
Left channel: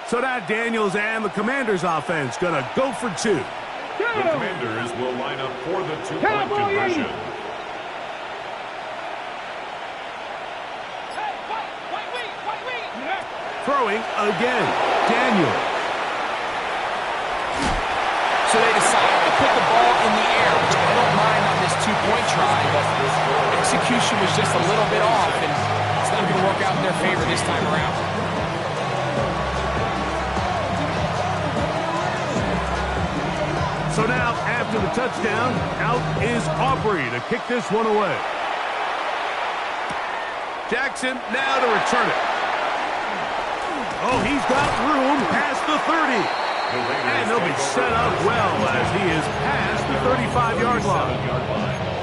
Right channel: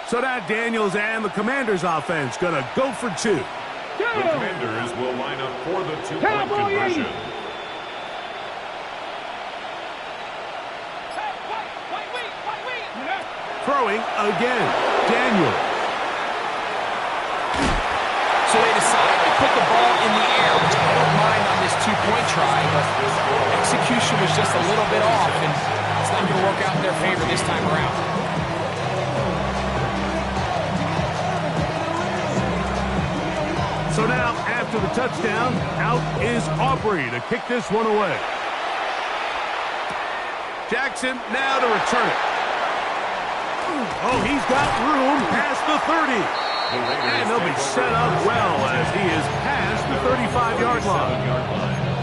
So now Daniels and the Commanders offense going to go for 2. The Commanders will line up for the 2-point conversion. Throwing again, Daniels. So they decide to put the ball in the air, which I don't mind on this 2-point try, but execution was just a little bit off, and it's not going to work out in their favor this time around. So now, after the touchdown, out is Aubrey to kick this one away. Jackson now to return it. Oh, he's got room past the 30. And they'll be set up well as he is past the 35-yard line.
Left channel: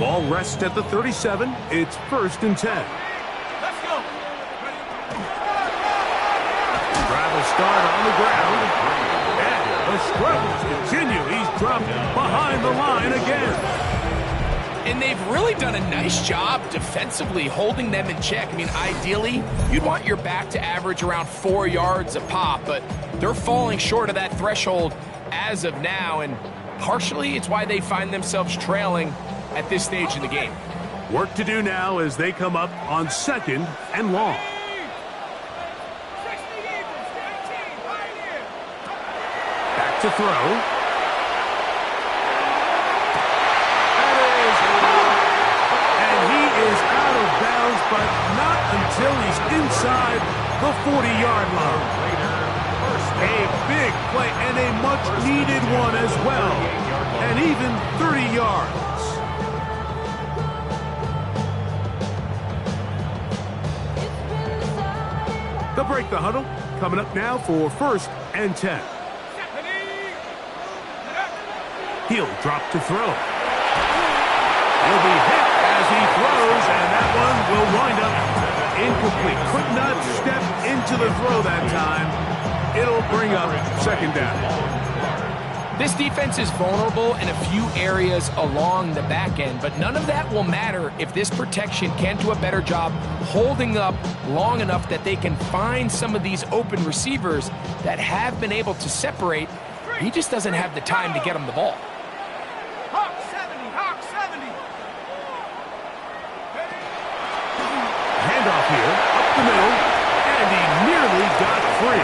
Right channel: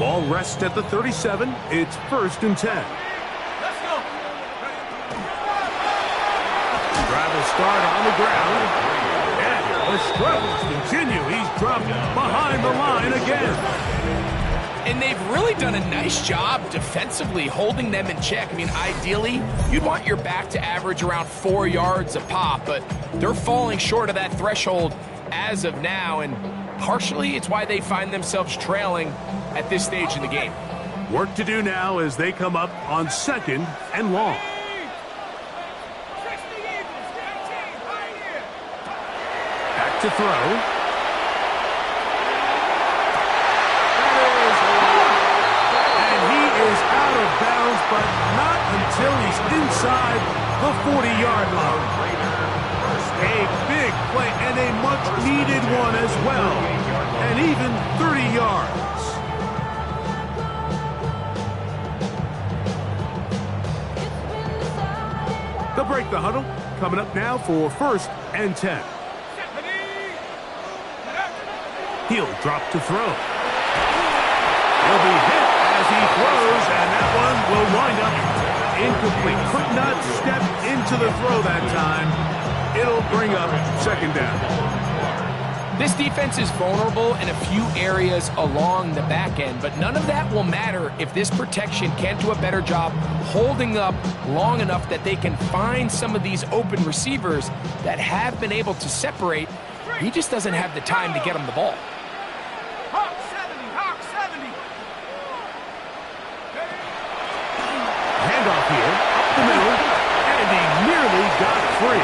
Ball rests at the 37. It's 1st and 10. Let's go. Drive will start on the ground. And the struggles continue. He's dropped behind the line again. And they've really done a nice job defensively holding them in check. I mean, ideally, you'd want your back to average around 4 yards a pop, but they're falling short of that threshold as of now, and partially it's why they find themselves trailing at this stage in the game. Work to do now as they come up on 2nd and long. Back to throw. That is high. And he is out of bounds, but not until he's inside the 40-yard line. A big play and a much-needed one as well. And even 30 yards. They'll break the huddle. Coming up now for 1st and 10. He'll drop to throw. He'll be hit as he throws, and that one will wind up incomplete. Could not step into the throw that time. It'll bring up 2nd down. This defense is vulnerable in a few areas along the back end, but none of that will matter if this protection can't do a better job holding up long enough that they can find some of these open receivers that have been able to separate. He just doesn't have the time to get them the ball. Hawk 70, Hawk 70. Handoff here, up the middle, and he nearly got free.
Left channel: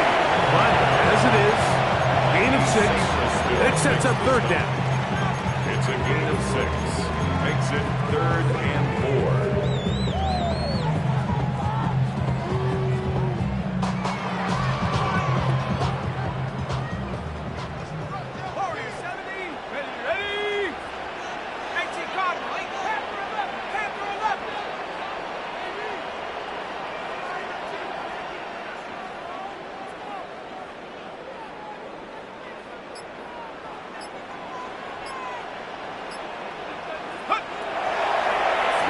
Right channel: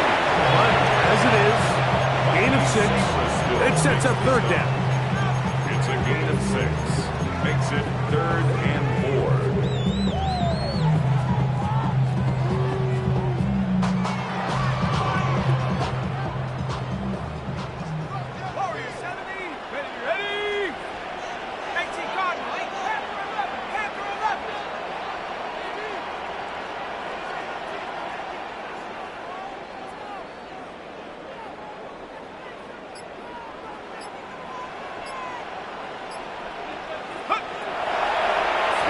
But as it is, gain of 6, it sets up 3rd down. It's a gain of 6. Makes it 3rd and 4. Warrior 70. Ready. 18 Cardinal. Panther 11.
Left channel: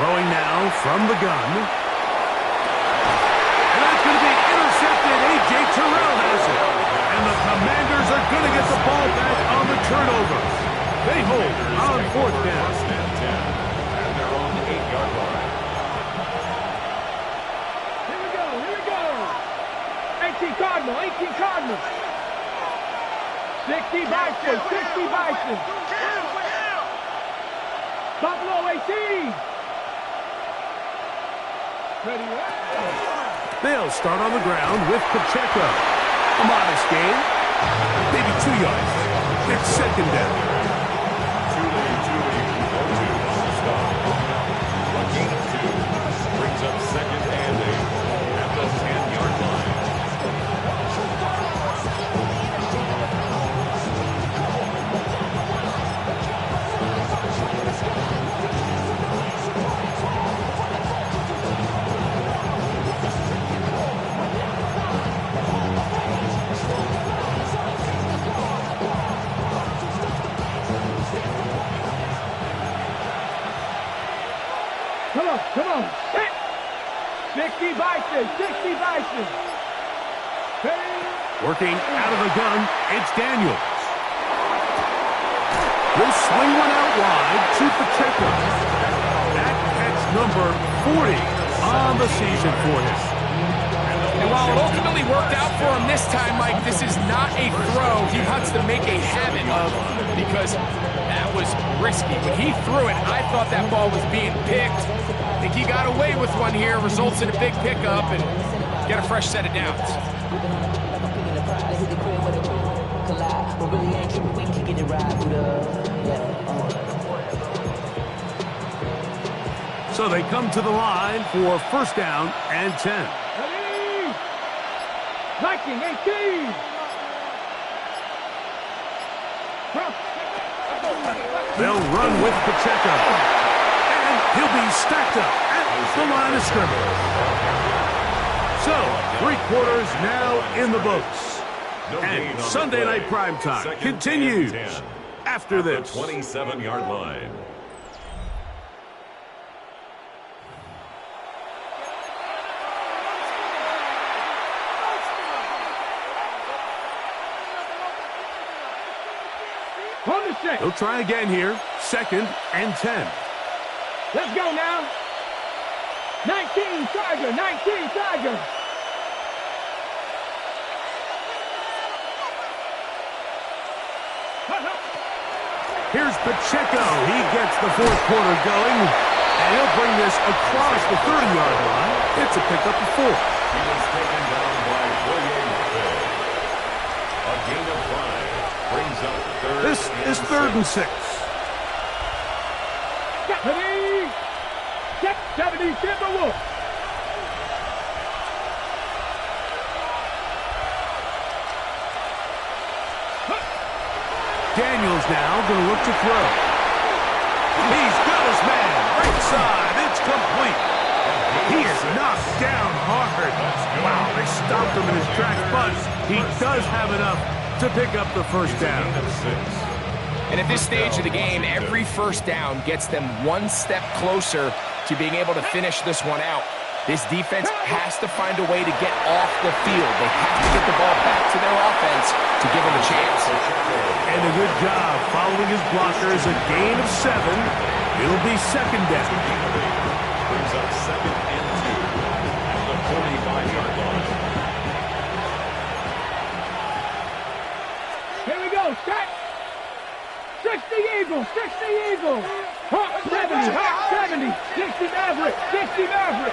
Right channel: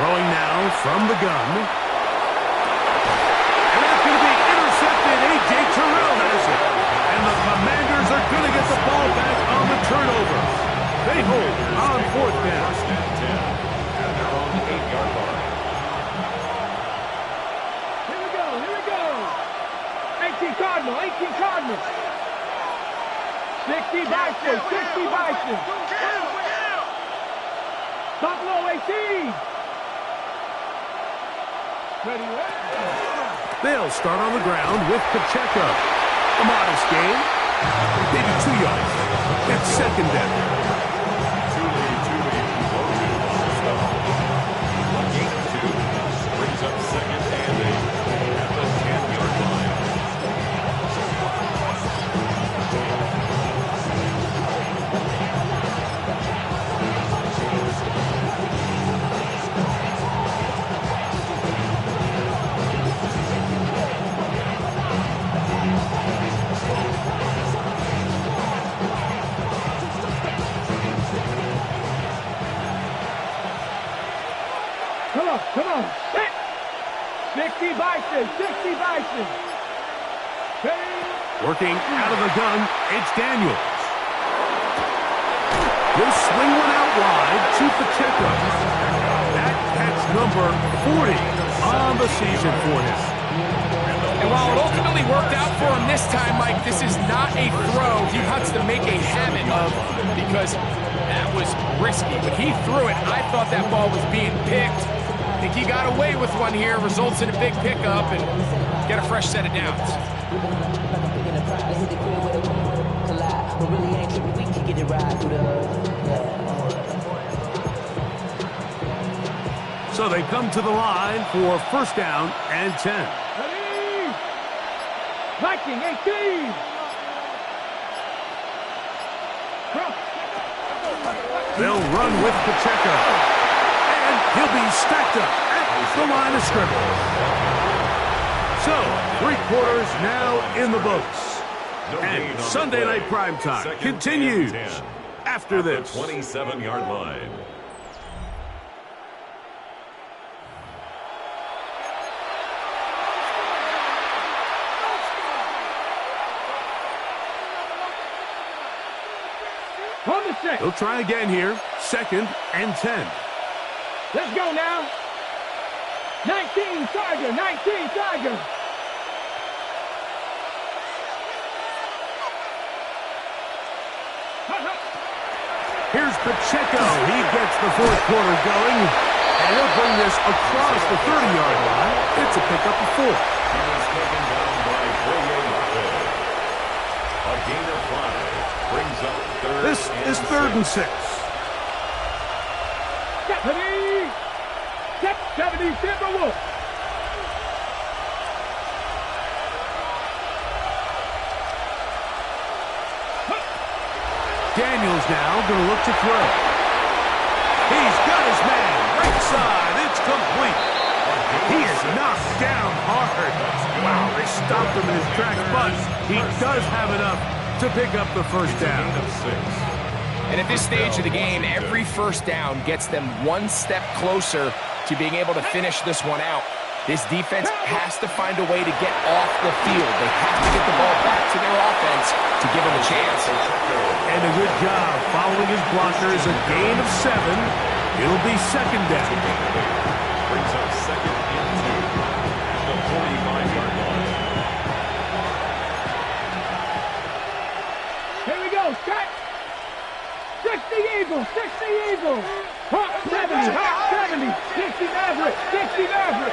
Throwing now from the gun. And that's going to be intercepted. A.J. Terrell has it. And the Commanders are going to get the ball back on the turnover. They hold on 4th down. 1st and 10 at their own 8-yard line. Here we go. 18 Cardinal. 60 Bison. Buffalo 18. Ready. They'll start on the ground with Pacheco. A modest gain. Maybe 2 yards. It's 2nd down. Tuli Pulotu on the stop. A gain of 2 brings up 2nd and 8 at the 10-yard line. Come on. Set. 60 Bison. Ready. Working out of the gun, it's Daniels. He'll swing one out wide to Pacheco. That catch number 40 on the season for him. And while it ultimately worked out for him this time, Mike, this is not a throw he wants to make a habit of because that was risky. When he threw it, I thought that ball was being picked. I think he got away with one here, results in a big pickup, and get a fresh set of downs. So they come to the line for 1st down and 10. Ready. Viking 18. They'll run with Pacheco. And he'll be stacked up at the line of scrimmage. So, 3 quarters now in the books. And Sunday Night Primetime continues after this. 27-yard line. On the set. He'll try again here. 2nd and 10. Let's go now. 19 Tiger. Here's Pacheco. He gets the fourth quarter going, and he'll bring this across the 30-yard line. It's a pickup of 4. He was taken down by Wk12. A gain of 5 brings up third. This is 3rd and 6. 70 Timberwolves. Daniels now going to look to throw. He's got his man. Right side. It's complete. He is knocked down hard. Wow, they stopped him in his tracks, but he does have enough to pick up the first down. And at this stage of the game, every first down gets them one step closer to being able to finish this one out. This defense has to find a way to get off the field. They have to get the ball back to their offense to give them a chance. And a good job following his blockers. A gain of 7. It'll be second down. Brings up 2nd and 2 at the 45-yard line. Here we go. Set. 60 Eagles. 60 Eagles. Hawk 70. Hawk 70. 60 Maverick. 60 Maverick.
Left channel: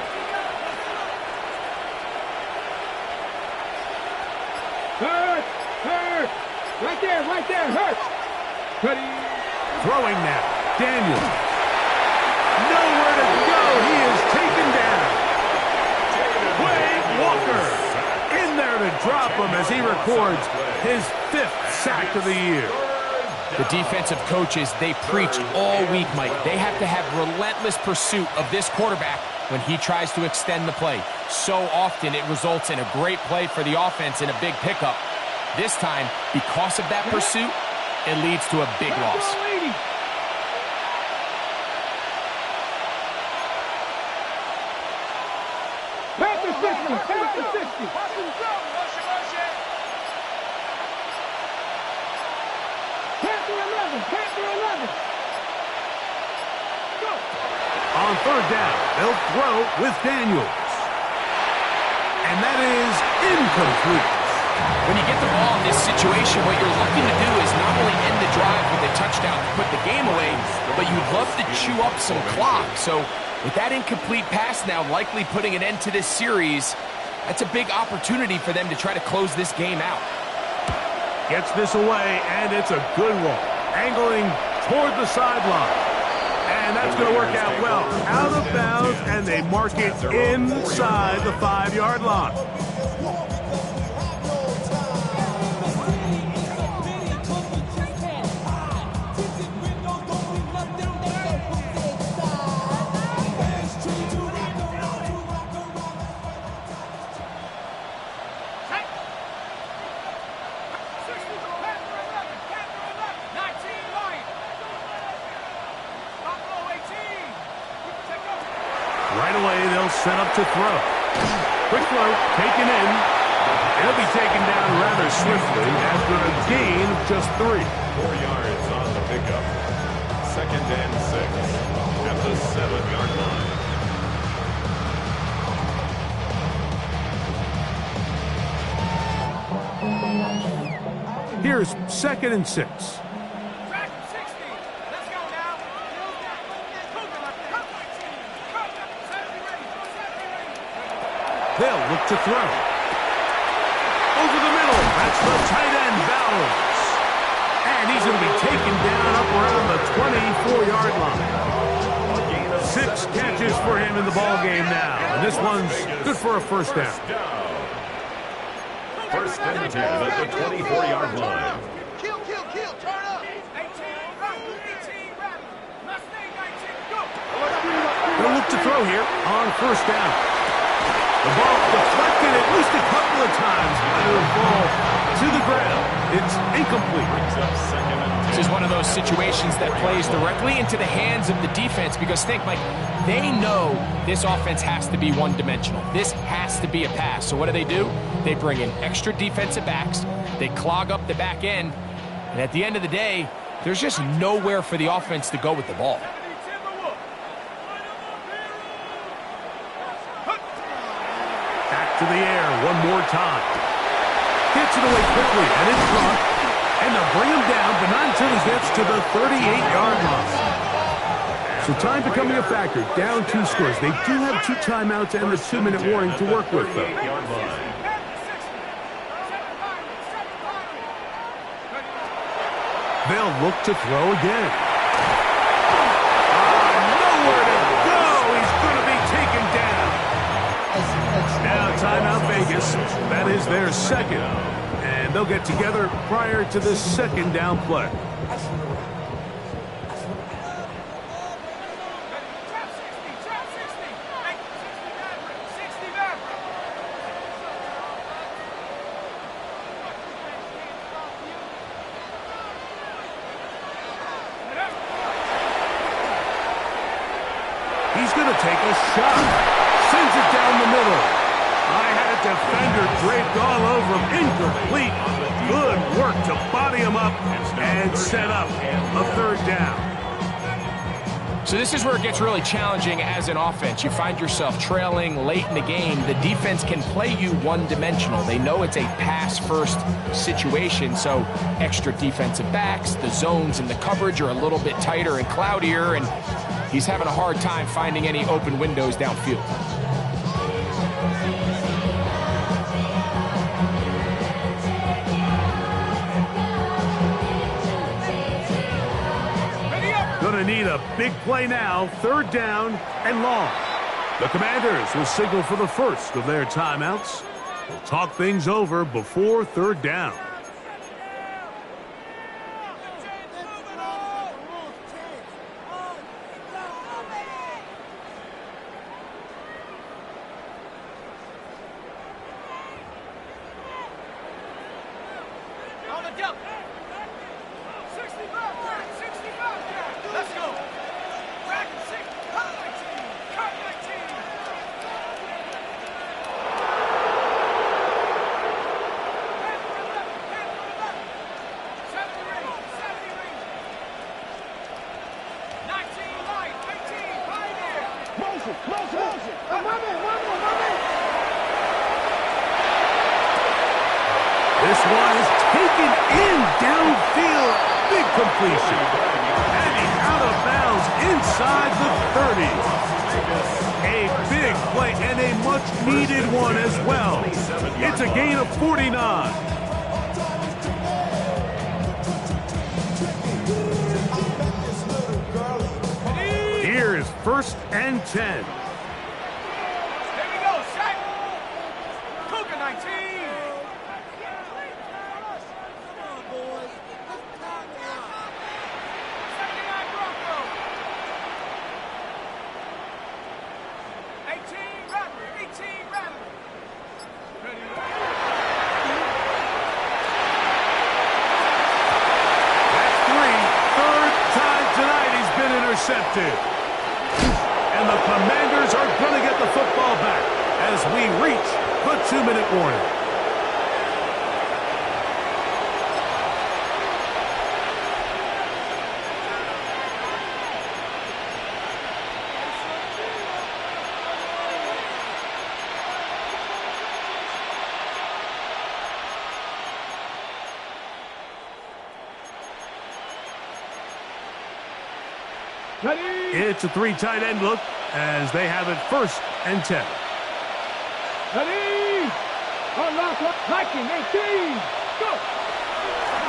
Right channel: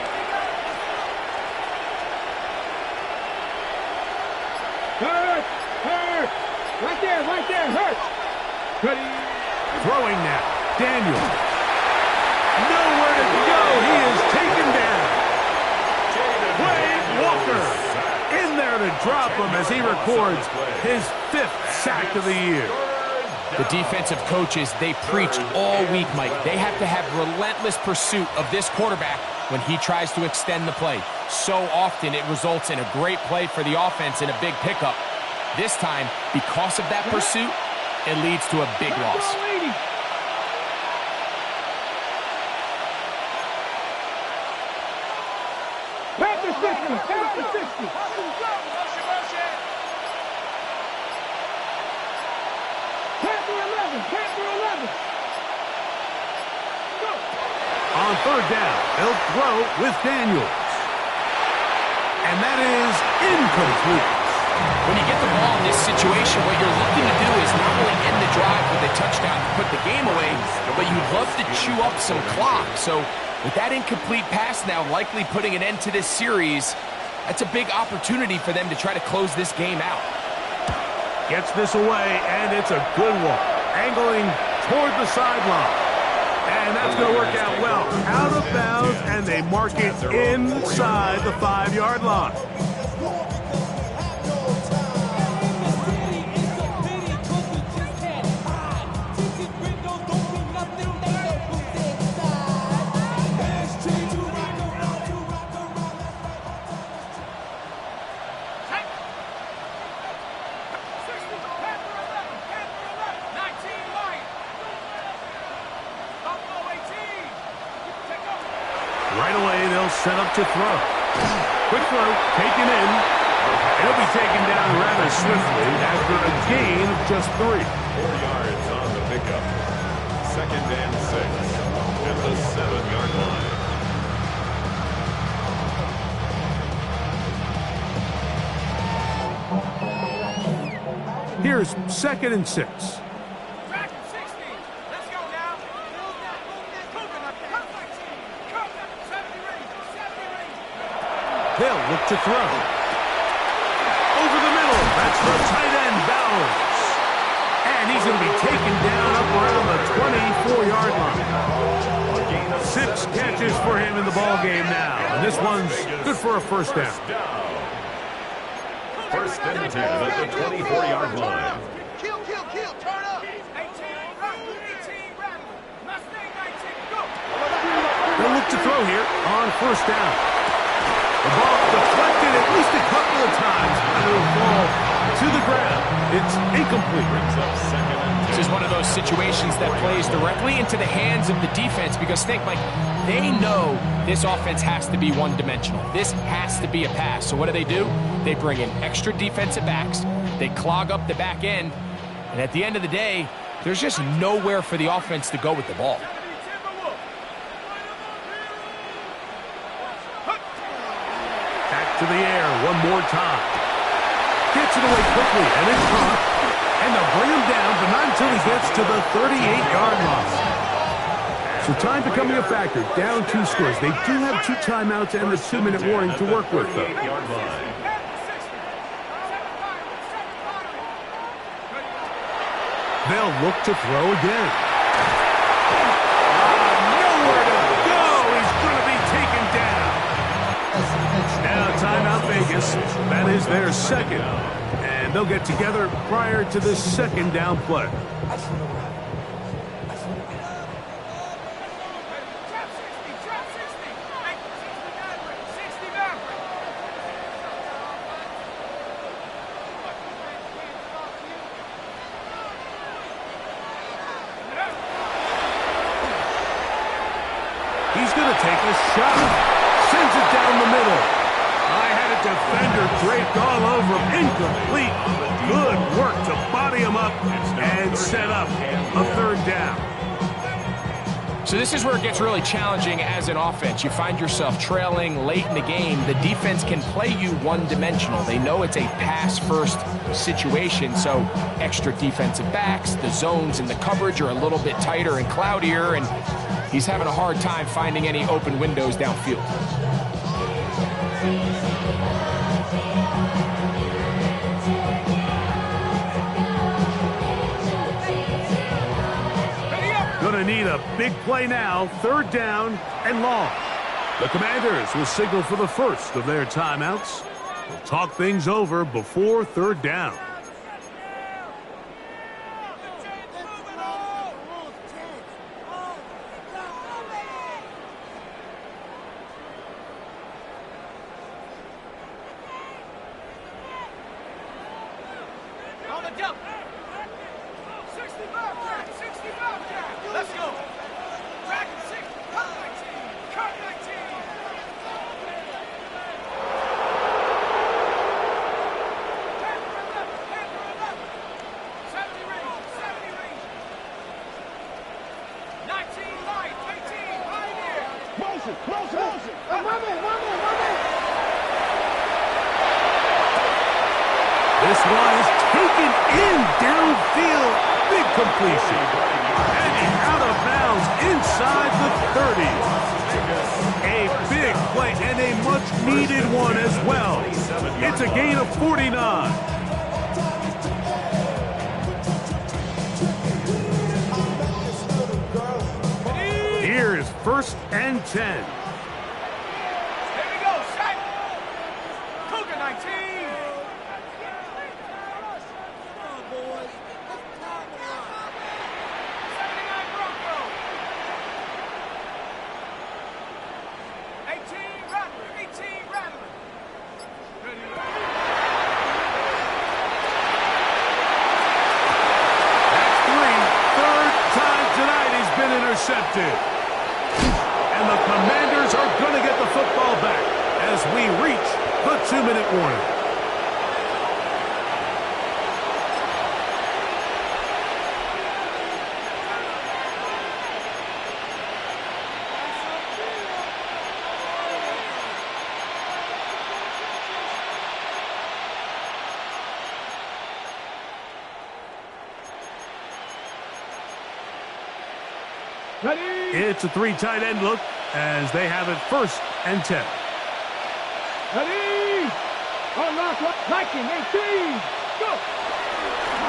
Hurt. Hurt. Right there. Right there. Hurt. Ready. Throwing now. Daniel. Nowhere to go. He is taken down. Wade Walker in there to drop him as he records his 5th sack of the year. The defensive coaches, they preached all week, Mike. They have to have relentless pursuit of this quarterback when he tries to extend the play. So often it results in a great play for the offense and a big pickup. This time, because of that pursuit, it leads to a big loss. Panther 60. Panther 60. Panther 11. Panther 11. Go. On 3rd down, they'll throw with Daniels. And that is incomplete. When you get the ball in this situation, what you're looking to do is not only end the drive with a touchdown to put the game away, but you'd love to chew up some clock. So with that incomplete pass now likely putting an end to this series, that's a big opportunity for them to try to close this game out. Gets this away, and it's a good one. Angling toward the sideline. And that's going to work out well. Out of bounds, and they mark it inside the 5-yard line. Right away, they'll set up to throw. Quick throw, taken in. It'll be taken down rather swiftly after a gain of just 3. 4 yards on the pickup. 2nd and 6 at the 7-yard line. Here's 2nd and 6. They'll look to throw. Over the middle. That's the tight end, Bowers. And he's going to be taken down up around the 24-yard line. 6 catches for him in the ball game now. And this one's good for a first down. 1st and 10 at the 24-yard line. Kill, turn up. 18, Mustang 19, go. They'll look to throw here on 1st down. The ball deflected at least a couple of times, but it'll fall to the ground. It's incomplete. Brings up 2nd and 10. This is one of those situations that plays directly into the hands of the defense because think, Mike, they know this offense has to be one-dimensional. This has to be a pass. So what do? They bring in extra defensive backs. They clog up the back end. And at the end of the day, there's just nowhere for the offense to go with the ball. Back to the air one more time. Gets it away quickly and in front. And they'll bring him down, but not until he gets to the 38-yard line. So time becoming a factor, down 2 scores. They do have 2 timeouts and the 2-minute warning to work with, though. They'll look to throw again. Nowhere to go. He's going to be taken down. Now timeout Vegas. That is their second. And they'll get together prior to the second down play. He's going to take a shot. Sends it down the middle. I had a defender draped all over him. Incomplete. Good work to body him up and set up a 3rd down. So this is where it gets really challenging as an offense. You find yourself trailing late in the game. The defense can play you one-dimensional. They know it's a pass-first situation, so extra defensive backs, the zones and the coverage are a little bit tighter and cloudier, and he's having a hard time finding any open windows downfield. Gonna need a big play now, 3rd down and long. The Commanders will signal for the first of their timeouts. They'll talk things over before 3rd down. On the jump. 65 Jack, 65 Jack. Let's go. Dragon 6, cut 19, cut 19. Panther 11, Panther 11. 70 range, 70 range. 19 light, 18, pioneer. Motion. One man. This one is taken in downfield. Big completion. Heading out of bounds inside the 30. A big play and a much-needed one as well. It's a gain of 49. Here's 1st and 10. Here we go, set. Cougar 19. Intercepted. And the Commanders are going to get the football back as we reach the 2-minute warning. It's a 3 tight end look as they have it 1st and 10. Ready? Unlock Viking 18. Go.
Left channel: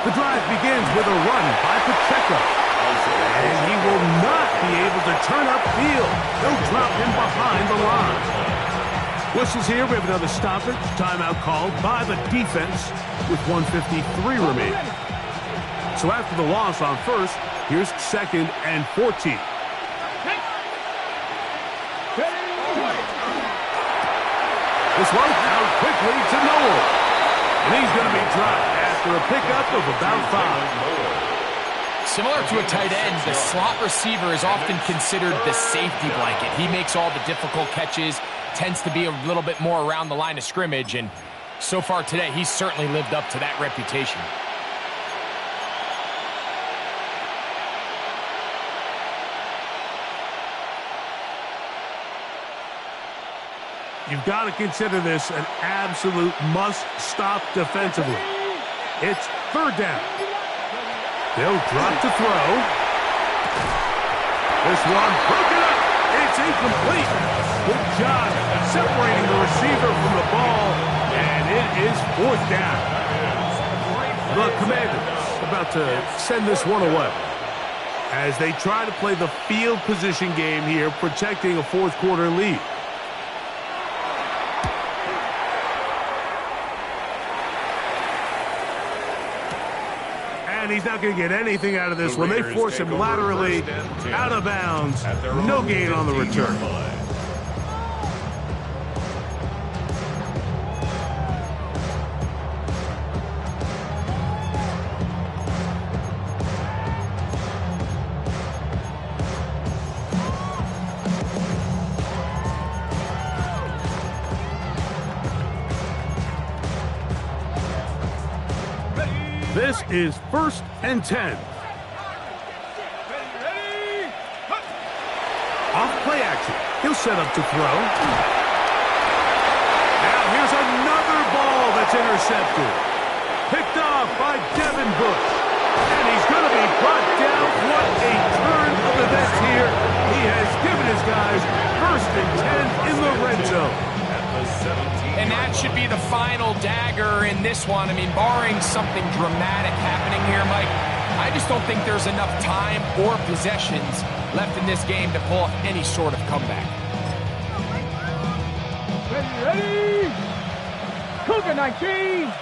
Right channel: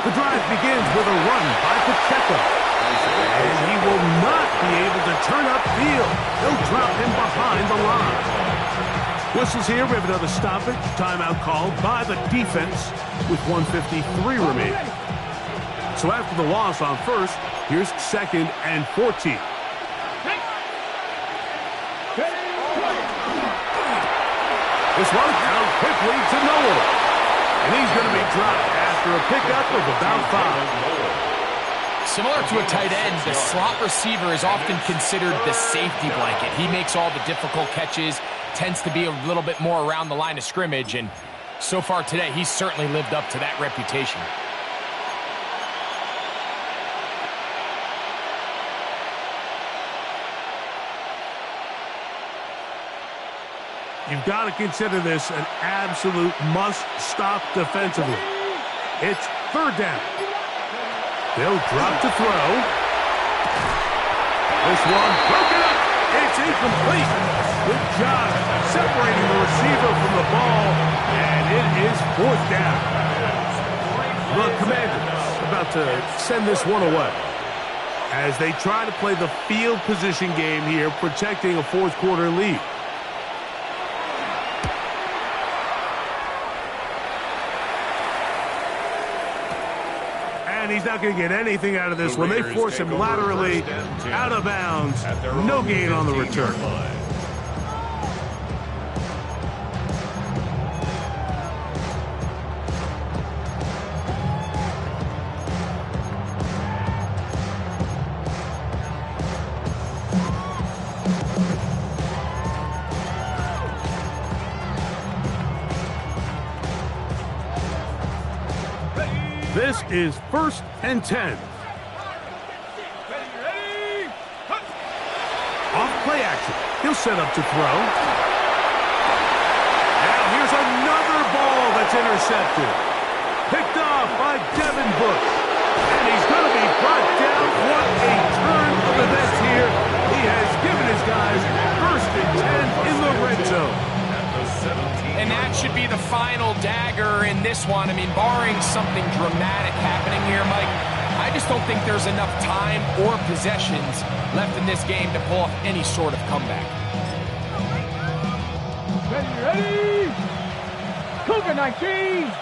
The drive begins with a run by Pacheco. And he will not be able to turn upfield. They'll drop him behind the line. Whistles here. We have another stoppage. Timeout called by the defense with 1:53 remaining. So after the loss on 1st, here's 2nd and 14. This one out quickly to Noel. And he's going to be dropped after a pickup of about 5. Similar to a tight end, the slot receiver is often considered the safety blanket. He makes all the difficult catches, tends to be a little bit more around the line of scrimmage, and so far today, he's certainly lived up to that reputation. You've got to consider this an absolute must-stop defensively. It's 3rd down. They'll drop to throw. This one broken up. It's incomplete. Good job separating the receiver from the ball, and it is fourth down. The Commanders about to send this one away as they try to play the field position game here, protecting a fourth quarter lead. And he's not going to get anything out of this one. They force him laterally out of bounds. No gain on the return. This is 1st and 10. Off play action. He'll set up to throw. Now here's another ball that's intercepted. Picked off by Devin Bush. And he's going to be brought down. What a turn of events here. He has given his guys 1st and 10 in the red zone. And that should be the final dagger in this one. I mean, barring something dramatic happening here, Mike, I just don't think there's enough time or possessions left in this game to pull off any sort of comeback. Ready? Cougar 19!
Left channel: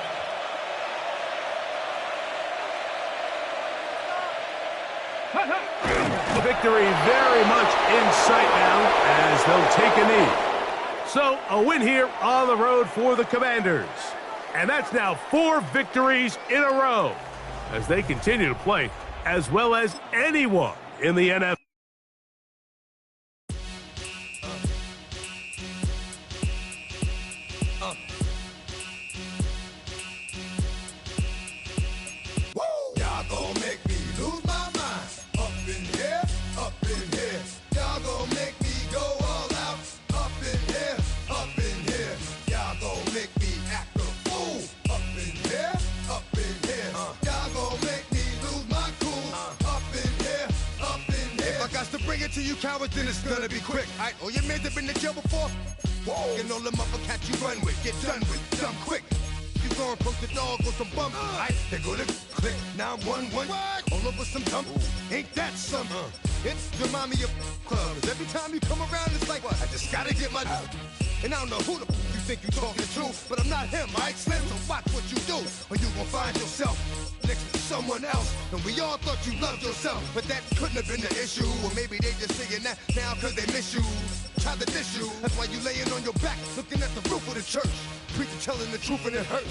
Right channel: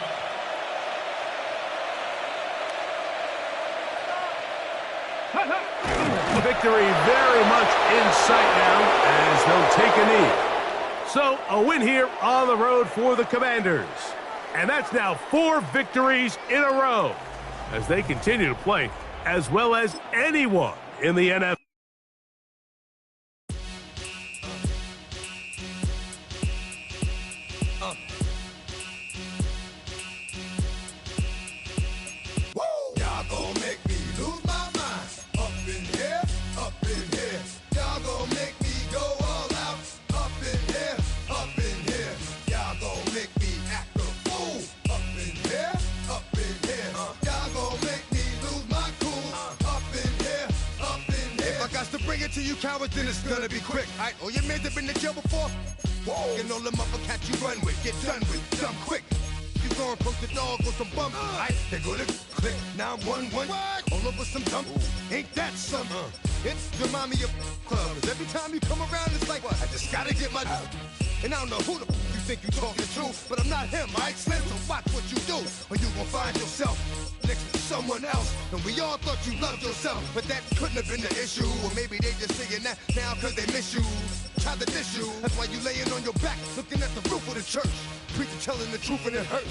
Victory very much in sight now as they'll take a knee. So, a win here on the road for the Commanders. And that's now 4 victories in a row as they continue to play as well as anyone in the NFL. Y'all gon' make me lose my mind. Up in here, up in here. Y'all gon' make me go all out. Up in here, up in here. Y'all gon' make me act a fool. Up in here, up in here. Y'all gon' make me lose my cool. Up in here, up in here. If I got to bring it to you cowards, then it's gonna be quick. Alright, all your men have been to jail before? Whoa. And all the motherfuckers you run with, get done with, done quick. You gon' approach the dog with some bump. They go to click 911. All over some dump. Ain't that something? It's remind me of clubs. Every time you come around, it's like, I just gotta get my. And I don't know who the you think you talking to, but I'm not him, right? Slim, so watch what you do, or you gon' find yourself next to someone else. And we all thought you loved yourself, but that couldn't have been the issue. Or maybe they just saying that now cause they miss you. Tried to diss you. That's why you laying on your back, looking at the roof of the church. Preacher telling the truth and it hurts.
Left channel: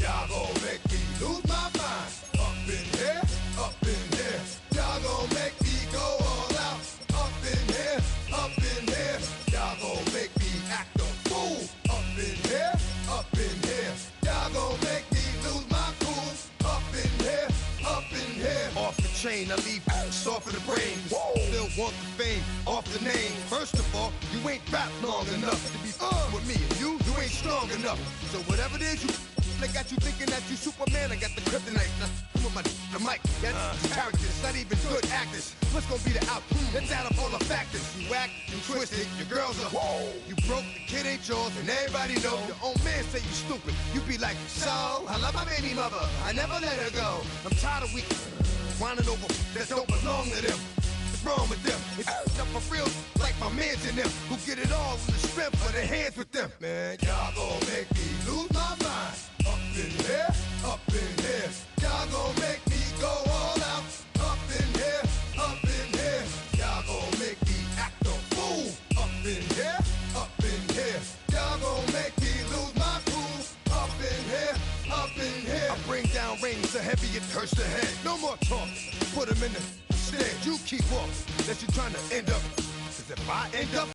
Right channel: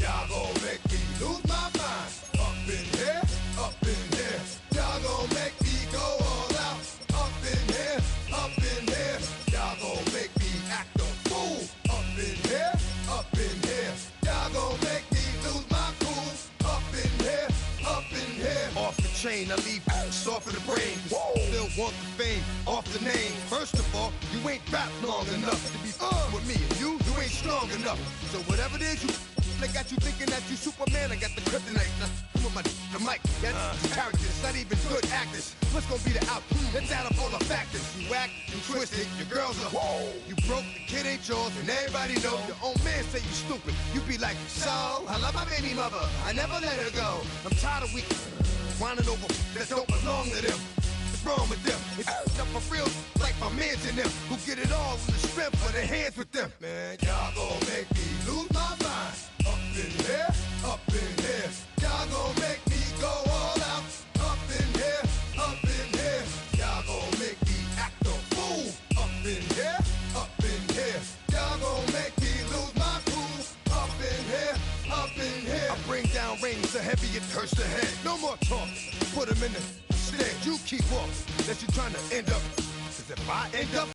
Y'all gon' make me lose my mind. Up in here, up in here. Y'all gon' make me go all out. Up in here, up in here. Y'all gon' make me act a fool. Up in here, up in here. Y'all gon' make me lose my cool. Up in here, up in here. Off the chain, I leave soft in the brain. Still want the fame, off the name. First of all, you ain't rap long enough to be with me. And you ain't strong enough. So whatever it is you they got you thinking that you Superman, I got the kryptonite. Come with the mic, that's characters, not even good actors. What's gonna be the outcome? Let's add up all the factors. You whack, you twisted, your girls are you broke, the kid ain't yours, and everybody know. Your own man say you stupid. You be like, so, I love my baby mother, I never let her go. I'm tired of weak whining over that don't belong to them. What's wrong with them? It's up for real, like my mans in them, who get it all in the strength of their hands with them. Man, y'all gon' make me lose my mind. Up in here, up in here. Y'all gon' make me go all out. Up in here, up in here. Y'all gon' make me act a fool. Up in here, up in here. Y'all gon' make me lose my cool. Up in here, up in here. I bring down rings so heavy it hurts the head. No more talk, put them in the stand. You keep off, that you trying to end up. Cause if I end up